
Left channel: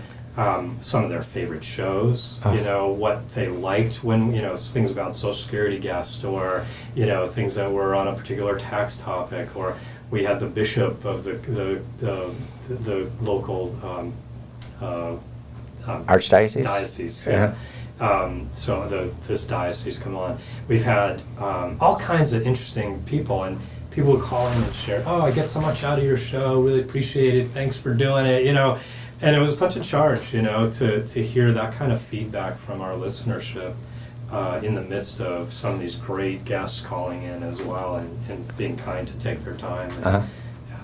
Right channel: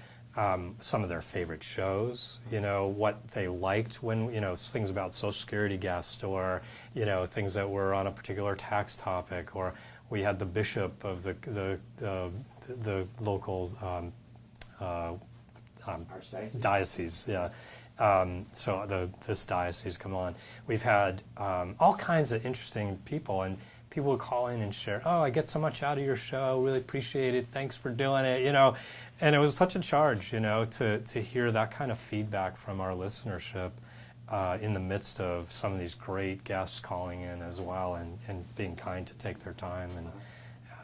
some of their favorite shows, what they liked when, things about Social Security guests, or, things that were on a particular tax topic, or we had the bishop of the local Archdiocese? Diocese, yeah. So this diocese come on. We've had all kinds of interesting people, and people would call in and share, oh, I get so much out of your show, really appreciate it, thanks for doing it, and it was such a charge, to hear that kind of feedback from our listenership in the midst of some of these great guests calling in as well, and being kind to take their time and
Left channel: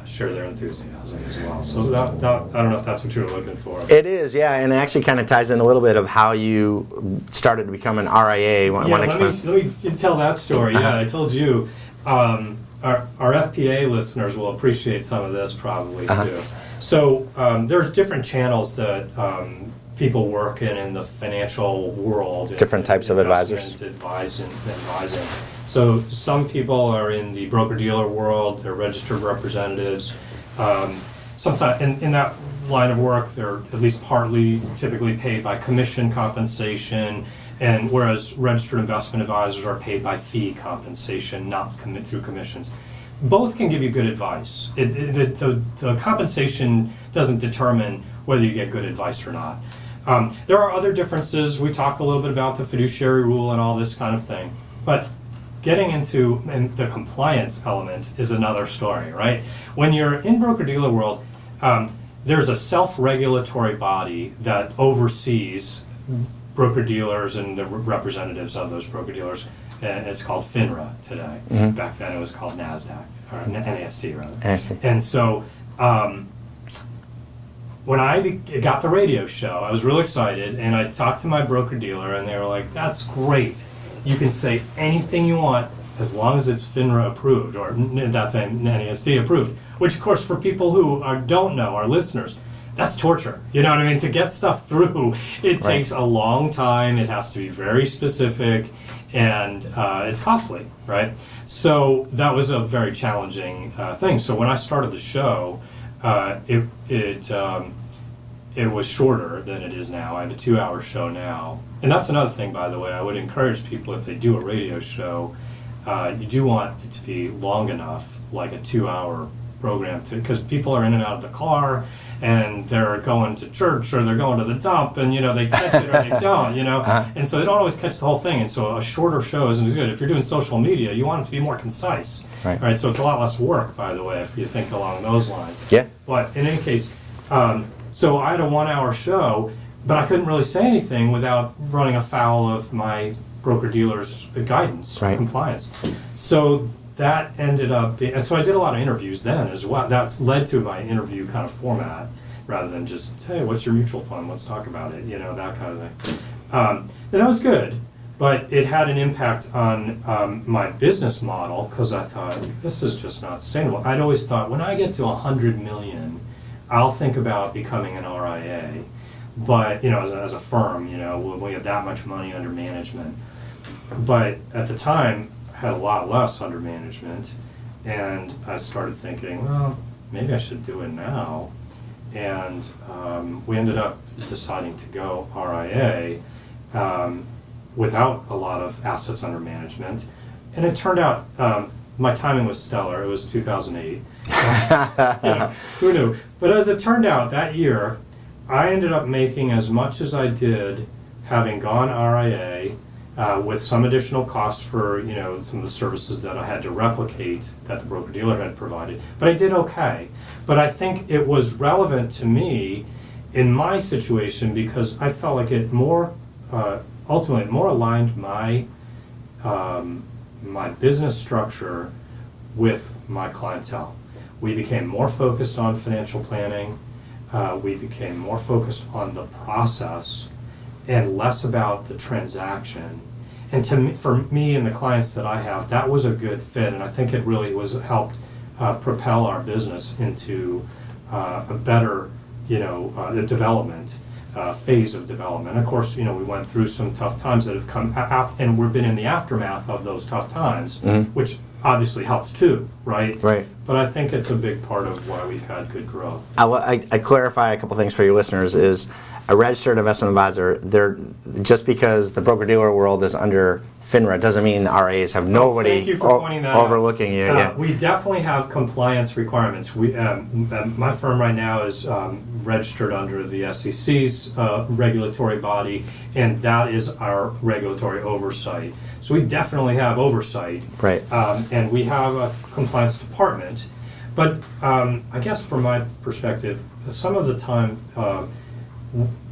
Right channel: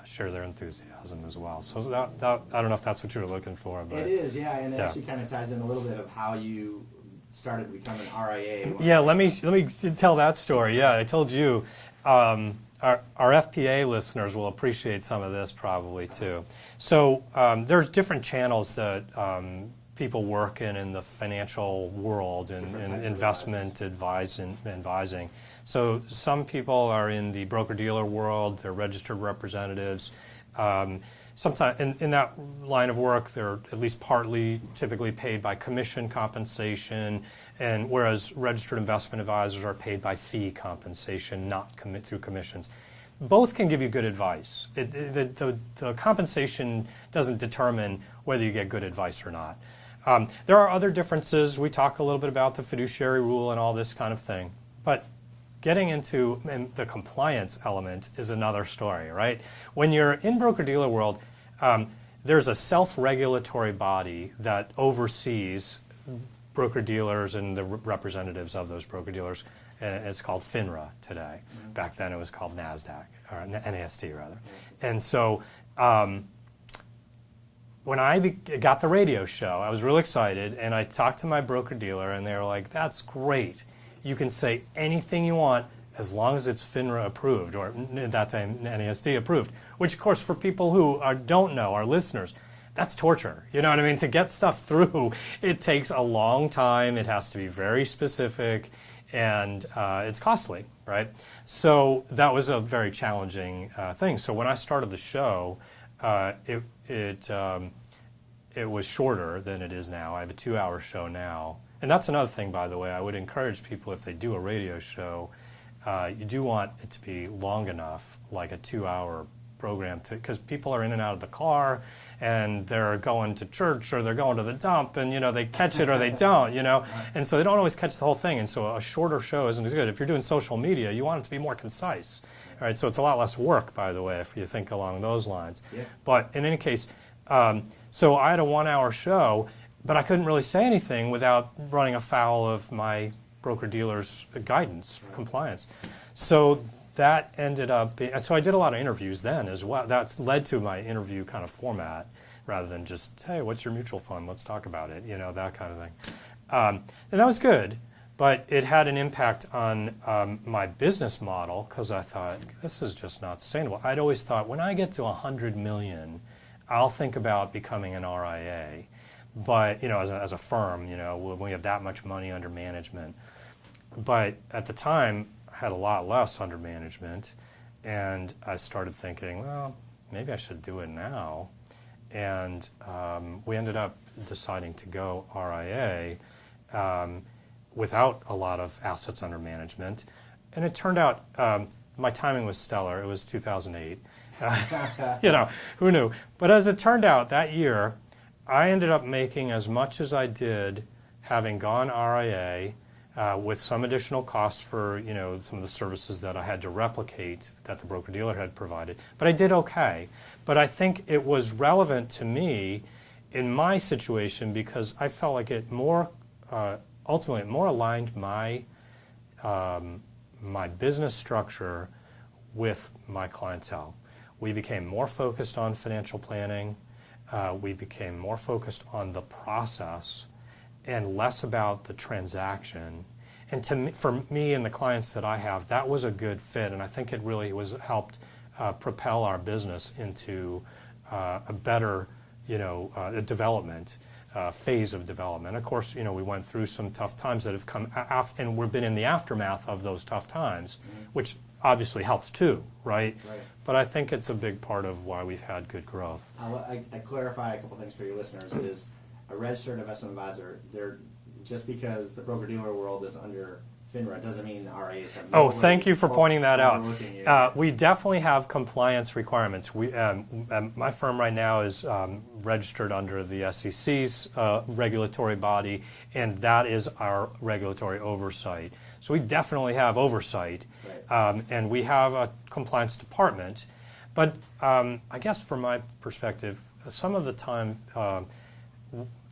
share their enthusiasm as well. So that I don't know if that's what you were looking for. It is, yeah, and it actually kind of ties in a little bit of how you started to become an RIA. Let me tell that story. Yeah, I told you. Our FPA listeners will appreciate some of this probably too. So there's different channels that people work in the financial world. Different types of advisors. Advising. So some people are in the broker-dealer world, they're registered representatives. Sometimes in that line of work, they're at least partly typically paid by commission compensation, and whereas registered investment advisors are paid by fee compensation, not through commissions. Both can give you good advice. The compensation doesn't determine whether you get good advice or not. There are other differences. We talk a little bit about the fiduciary rule and all this kind of thing. But getting into the compliance element is another story, right? When you're in broker-dealer world, there's a self-regulatory body that oversees broker-dealers and the representatives of those broker-dealers. It's called FINRA today. Back then it was called NASDAQ, or NASD rather. NASD. And so when I got the radio show, I was really excited, and I talked to my broker-dealer, and they were like, that's great. You can say anything you want as long as it's FINRA approved, or at that time NASD approved, which of course for people who don't know, our listeners, that's torture. You know what I mean? To get stuff through, it takes a long time, it has to be very specific, and it's costly, right? So that was a very challenging thing. So when I started the show, it was shorter than it is now. I have a 2-hour show now. And that's another thing, by the way. I would encourage people, if they do a radio show, you do want it to be long enough, like a 2-hour program, because people are in and out of the car, and they're going to church, or they're going to the dump, and they catch it or they don't, and so they don't always catch the whole thing, and so a shorter show isn't as good. If you're doing social media, you want it to be more concise, right? So it's a lot less work, by the way, if you think along those lines. Yeah. But in any case, so I had a 1-hour show, but I couldn't really say anything without running afoul of my broker-dealer's guidance, compliance. So that ended up being, and so I did a lot of interviews then as well. That's led to my interview kind of format, rather than just, hey, what's your mutual fund? Let's talk about it, that kind of thing. And that was good, but it had an impact on my business model, because I thought, this is just not sustainable. I'd always thought, when I get to 100 million, I'll think about becoming an RIA. But, as a firm, when we have that much money under management. But at the time, I had a lot less under management, and I started thinking, well, maybe I should do it now. And we ended up deciding to go RIA without a lot of assets under management. And it turned out my timing was stellar. It was 2008. Who knew? But as it turned out, that year, I ended up making as much as I did having gone RIA, with some additional costs for some of the services that I had to replicate that the broker-dealer had provided. But I did okay. But I think it was relevant to me in my situation because I felt like it ultimately more aligned my my business structure with my clientele. We became more focused on financial planning. We became more focused on the process and less about the transaction. And for me and the clients that I have, that was a good fit, and I think it really helped propel our business into a better, the development phase of development. And of course, we went through some tough times that have come and we've been in the aftermath of those tough times, which obviously helps too, right? Right. But I think it's a big part of why we've had good growth. I clarify a couple things for your listeners is a registered investment advisor, just because the broker-dealer world is under FINRA doesn't mean RAs have nobody thank you for pointing that overlooking you. Yeah. We definitely have compliance requirements. My firm right now is registered under the SEC's regulatory body, and that is our regulatory oversight. So we definitely have oversight. Right. And we have a compliance department. But I guess from my perspective, some of the time,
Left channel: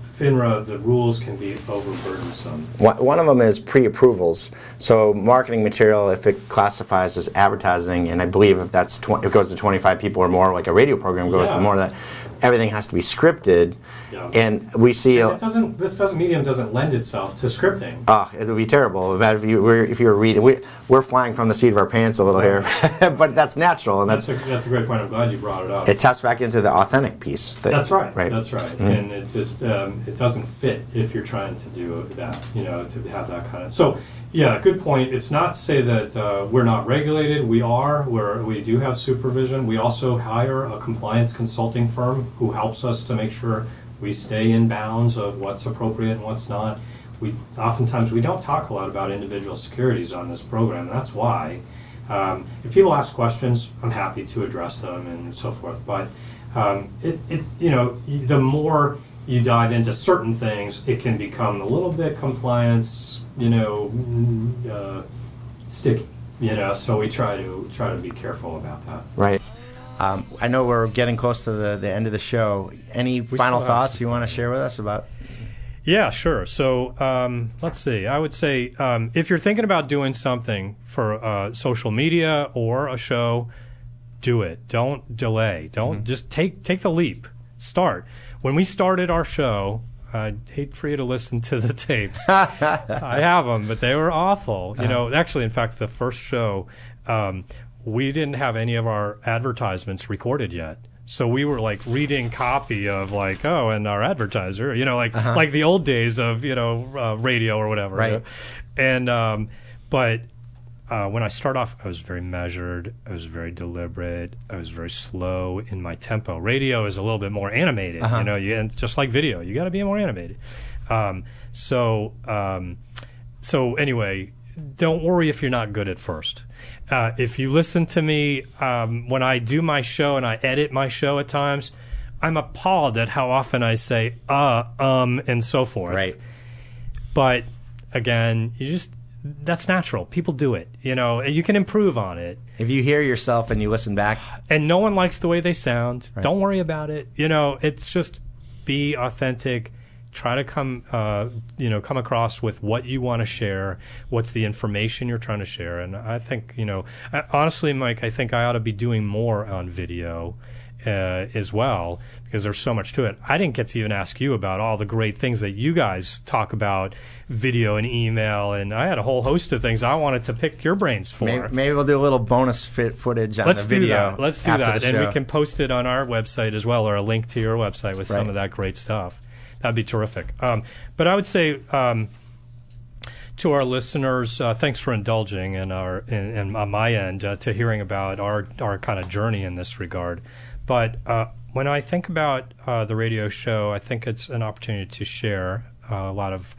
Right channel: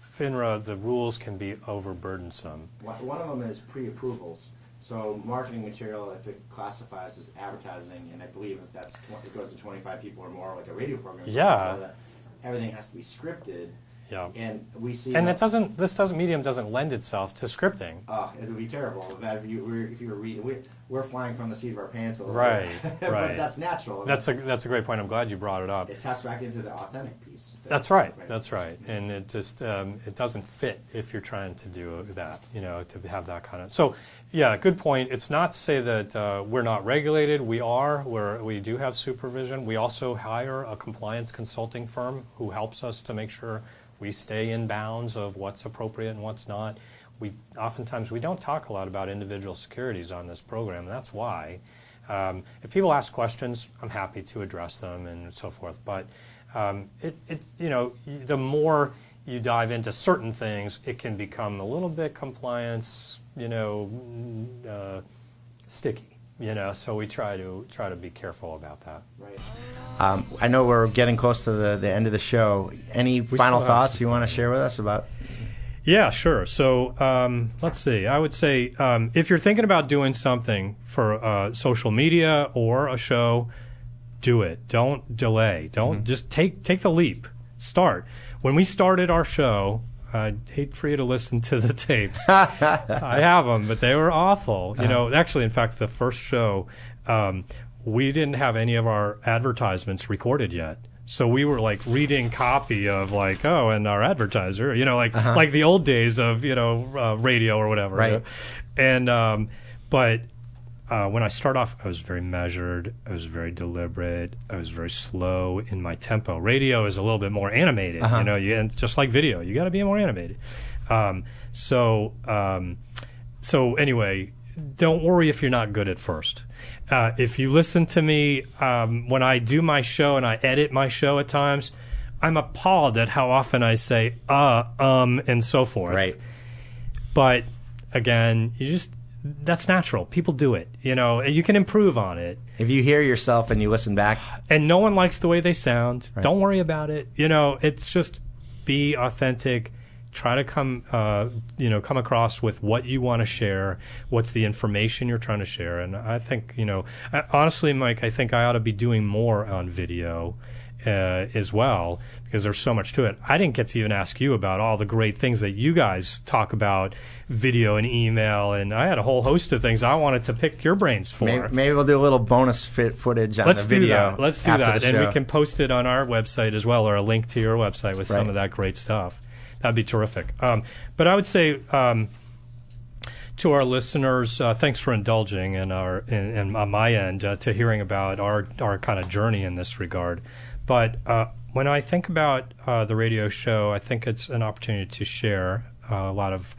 FINRA, the rules can be overburdensome. One of them is pre-approvals. So marketing material, if it classifies as advertising, and I believe if it goes to 25 people or more, like a radio program goes to more than that, everything has to be scripted. Yeah. And we see this medium doesn't lend itself to scripting. It would be terrible. If you were reading, we're flying from the seat of our pants a little here, but that's natural. And that's a great point. I'm glad you brought it up. It taps back into the authentic piece. That's right. Right. That's right. Mm-hmm. And it just it doesn't fit if you're trying to do that. To have that kind of. So yeah, good point. It's not to say that we're not regulated. We are. We do have supervision. We also hire a compliance consulting firm who helps us to make sure we stay in bounds of what's appropriate and what's not. Oftentimes we don't talk a lot about individual securities on this program. That's why. If people ask questions, I'm happy to address them and so forth. But the more you dive into certain things, it can become a little bit compliance, sticky. So we try to be careful about that. Right. I know we're getting close to the end of the show. Any final thoughts you want to share with us about? Yeah, sure. So let's see. I would say if you're thinking about doing something for social media or a show, do it. Don't delay. Don't just take the leap. Start. When we started our show, I'd hate for you to listen to the tapes. I have them, but they were awful. Actually, in fact, the first show, we didn't have any of our advertisements recorded yet. So we were like reading copy of and our advertiser, like the old days of, radio or whatever. Right. And, but when I start off, I was very measured. I was very deliberate. I was very slow in my tempo. Radio is a little bit more animated, and just like video, you got to be more animated. So anyway, don't worry if you're not good at first. If you listen to me when I do my show and I edit my show at times, I'm appalled at how often I say and so forth. Right. But again, that's natural. People do it. You can improve on it. If you hear yourself and you listen back, and no one likes the way they sound, right. Don't worry about it. It's just be authentic. Try to come across with what you want to share, what's the information you're trying to share. And I think, honestly, Mike, I think I ought to be doing more on video as well, because there's so much to it. I didn't get to even ask you about all the great things that you guys talk about, video and email, and I had a whole host of things I wanted to pick your brains for. Maybe we'll do a little bonus footage on the video. Let's do that. And we can post it on our website as well, or a link to your website with some of that great stuff. That'd be terrific. But I would say to our listeners, thanks for indulging and on my end to hearing about our kind of journey in this regard. But when I think about the radio show, I think it's an opportunity to share a lot of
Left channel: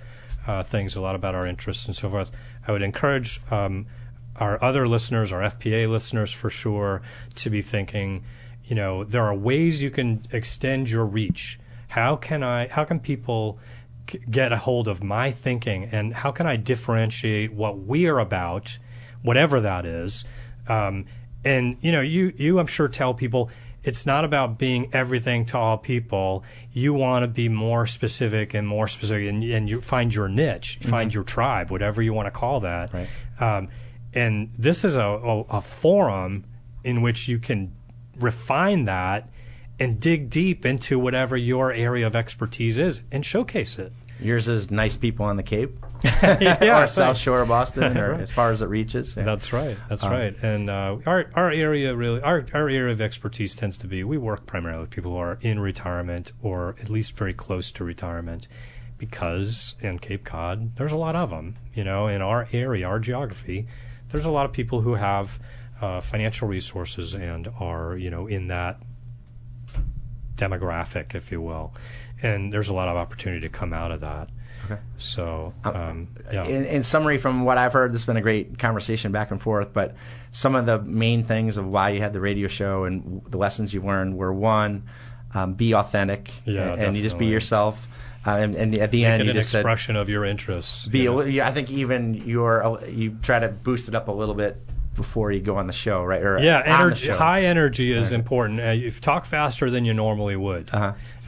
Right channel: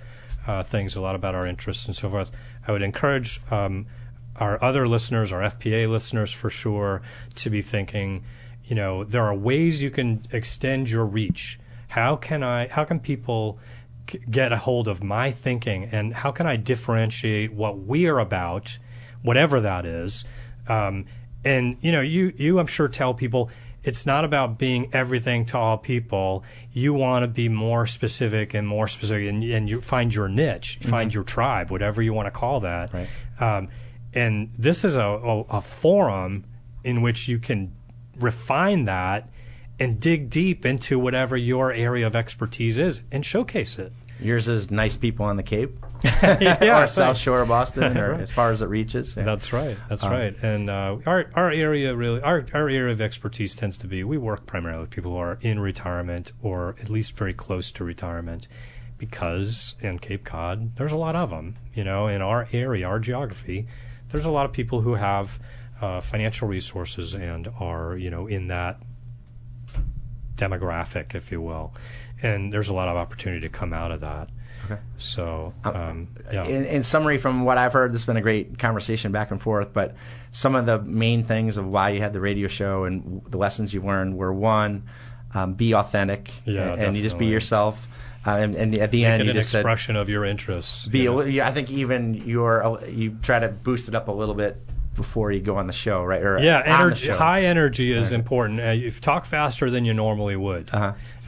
things, a lot about our interests and so forth. I would encourage our other listeners, our FPA listeners for sure, to be thinking, there are ways you can extend your reach. How can people get a hold of my thinking, and how can I differentiate what we are about, whatever that is? And you I'm sure tell people it's not about being everything to all people. You want to be more specific, and you find your niche, find your tribe, whatever you want to call that. Right. And this is a forum in which you can refine that and dig deep into whatever your area of expertise is and showcase it. Yours is nice people on the Cape, Yeah, or South Shore of Boston, or as far as it reaches. Yeah. That's right. That's right. And our area really, our area of expertise tends to be, we work primarily with people who are in retirement or at least very close to retirement, because in Cape Cod there's a lot of them. In our area, our geography, there's a lot of people who have financial resources and are in that demographic, if you will. And there's a lot of opportunity to come out of that. Okay. So, yeah. In summary, from what I've heard, this has been a great conversation back and forth, but some of the main things of why you had the radio show and the lessons you've learned were, one, be authentic, and you just be yourself. And at the end, you just said, an expression of your interests. I think even you try to boost it up a little bit before you go on the show, right? Or energy, high energy is important. If you talk faster than you normally would.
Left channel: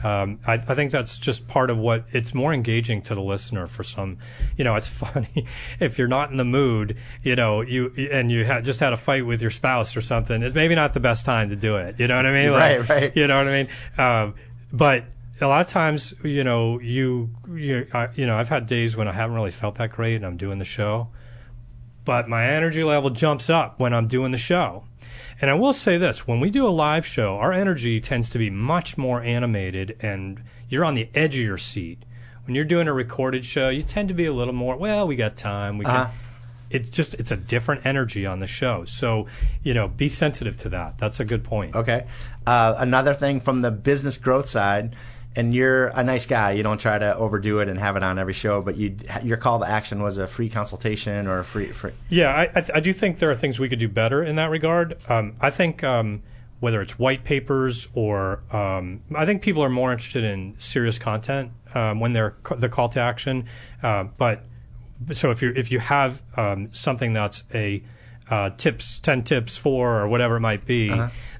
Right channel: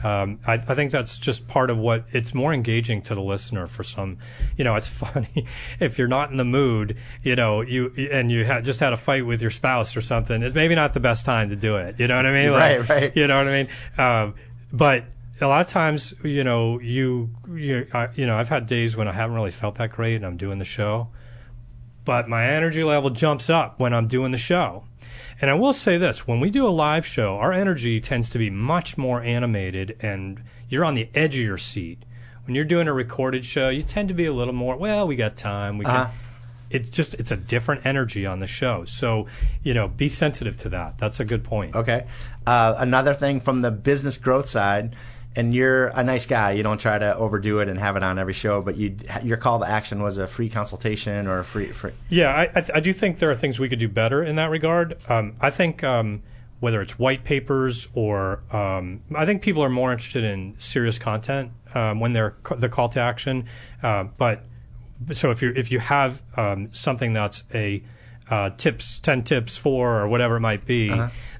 I think that's just part of what, it's more engaging to the listener for some. It's funny if you're not in the mood, you just had a fight with your spouse or something. It's maybe not the best time to do it. You know what I mean? Right. You know what I mean? But a lot of times, I've had days when I haven't really felt that great and I'm doing the show, but my energy level jumps up when I'm doing the show. And I will say this, when we do a live show, our energy tends to be much more animated and you're on the edge of your seat. When you're doing a recorded show, you tend to be a little more, well, we got time. It's a different energy on the show. So, be sensitive to that. That's a good point. Okay. Another thing from the business growth side, and you're a nice guy. You don't try to overdo it and have it on every show, but your call to action was a free consultation or a free. Yeah, I do think there are things we could do better in that regard. I think whether it's white papers or I think people are more interested in serious content when they're the call to action. But so if you have something that's a 10 tips for or whatever it might be.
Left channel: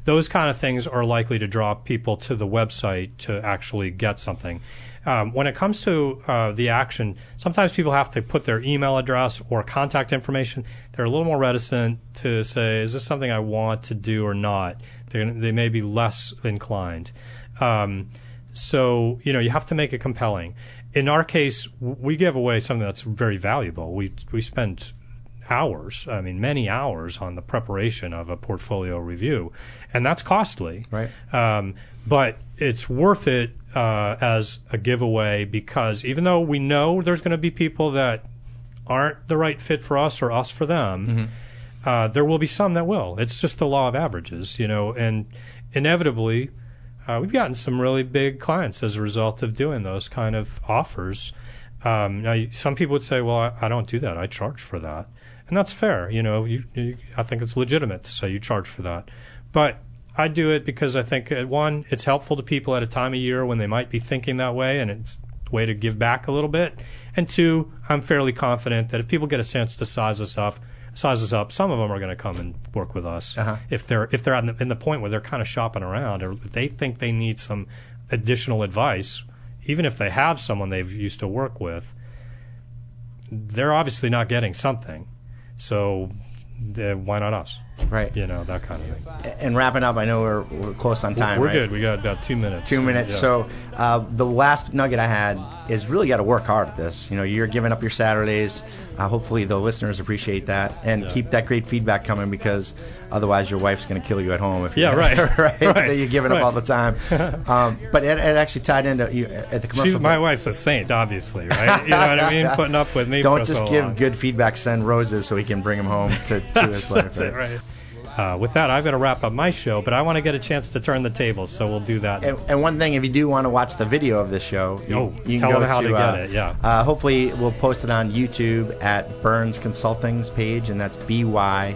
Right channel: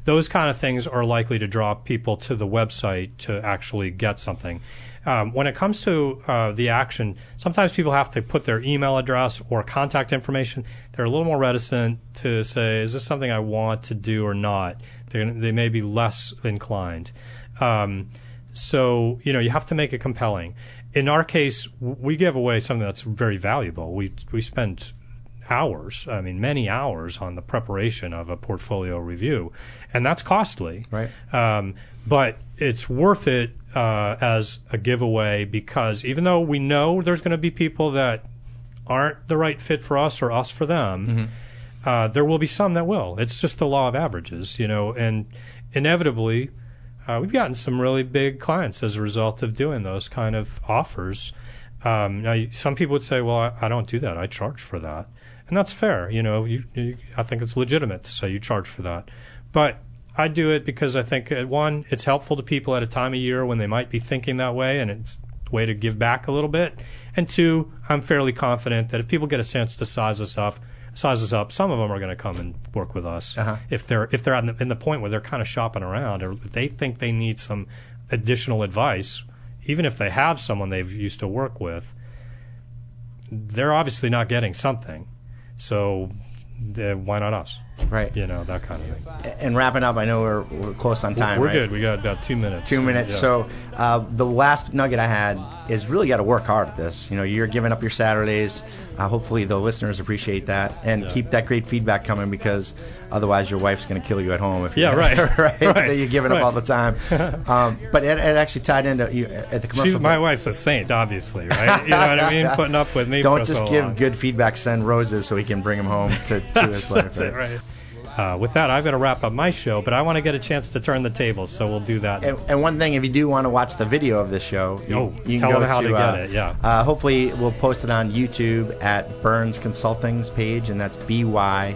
Those kind of things are likely to draw people to the website to actually get something. When it comes to the action, sometimes people have to put their email address or contact information. They're a little more reticent to say, is this something I want to do or not? They may be less inclined. So, you have to make it compelling. In our case, we give away something that's very valuable. We spend hours, many hours on the preparation of a portfolio review, and that's costly. Right. But it's worth it as a giveaway, because even though we know there's going to be people that aren't the right fit for us or us for them, there will be some that will. It's just the law of averages, and inevitably we've gotten some really big clients as a result of doing those kind of offers. Now, some people would say, well, I don't do that. I charge for that. And that's fair. I think it's legitimate to say you charge for that. But I do it because I think, one, it's helpful to people at a time of year when they might be thinking that way, and it's a way to give back a little bit. And two, I'm fairly confident that if people get a chance to size us up, some of them are going to come and work with us. If they're in the point where they're kind of shopping around, or if they think they need some additional advice, even if they have someone they've used to work with, they're obviously not getting something. So why not us? Right. That kind of thing. And wrapping up, I know we're close on time. We're right? good. We got about 2 minutes. 2 minutes. Yeah. So the last nugget I had is really got to work hard at this. You're giving up your Saturdays. Hopefully the listeners appreciate that, and keep that great feedback coming, because otherwise your wife's going to kill you at home if right. That you're giving up all the time. But it actually tied into at the commercial. My wife's a saint, obviously, right? You know what I mean? Putting up with me. Don't for just so give long. good feedback. Send roses so he can bring them home to his wife. That's it, right? With that, I've got to wrap up my show, but I want to get a chance to turn the table, so we'll do that. And one thing, if you do want to watch the video of this show, you can tell go them how to get it. Yeah. Hopefully, we'll post it on YouTube at Byrnes Consulting's page, and that's BYRNES,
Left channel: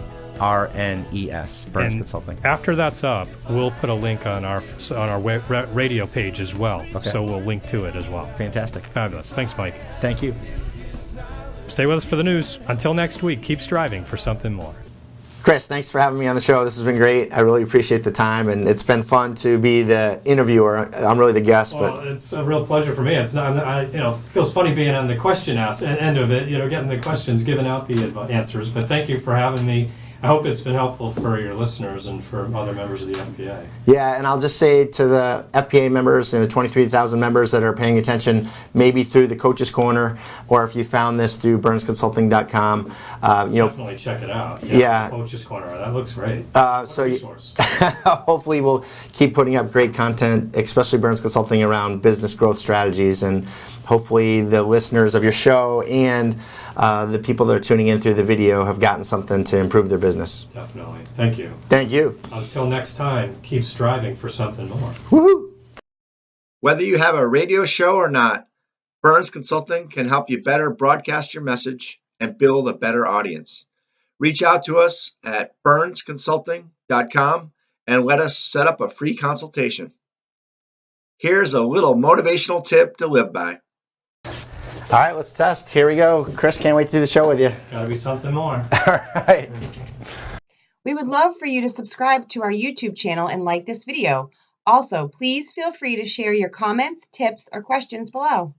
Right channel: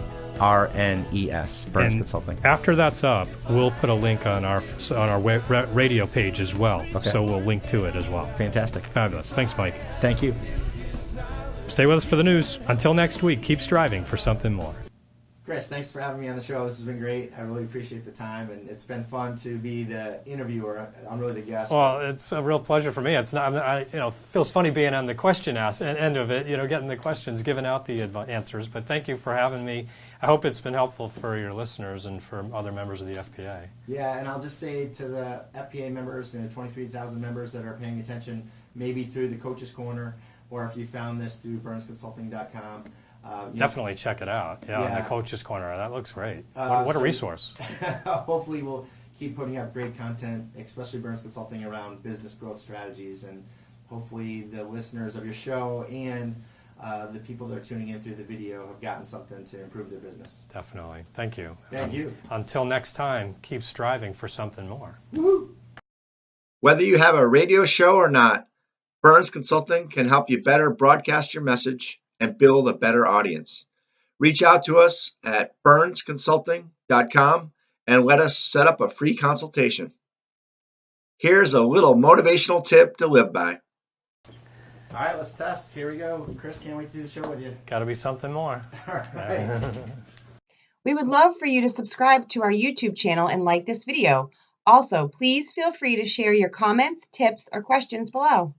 Byrnes Consulting. After that's up, we'll put a link on our radio page as well. Okay. So we'll link to it as well. Fantastic. Fabulous. Thanks, Mike. Thank you. Stay with us for the news. Until next week, keep striving for something more. Chris, thanks for having me on the show. This has been great. I really appreciate the time, and it's been fun to be the interviewer. I'm really the guest. Well, but it's a real pleasure for me. It's not, feels funny being on the question end of it, getting the questions, giving out the answers. But thank you for having me. I hope it's been helpful for your listeners and for other members of the FPA. Yeah, and I'll just say to the FPA members and the 23,000 members that are paying attention, maybe through the Coaches Corner, or if you found this through ByrnesConsulting.com, Definitely check it out. Yeah. The Coaches Corner, that looks great. What so a resource. hopefully we'll keep putting up great content, especially Byrnes Consulting, around business growth strategies, and hopefully the listeners of your show and the people that are tuning in through the video have gotten something to improve their business. Definitely. Thank you. Thank you. Until next time, keep striving for something more. Woohoo! Whether you have a radio show or not, Byrnes Consulting can help you better broadcast your message and build a better audience. Reach out to us at ByrnesConsulting.com and let us set up a free consultation. Here's a little motivational tip to live by. All right, let's test. Here we go. Chris, can't wait to do the show with you. Gotta be something more. All right. We would love for you to subscribe to our YouTube channel and like this video. Also, please feel free to share your comments, tips, or questions below.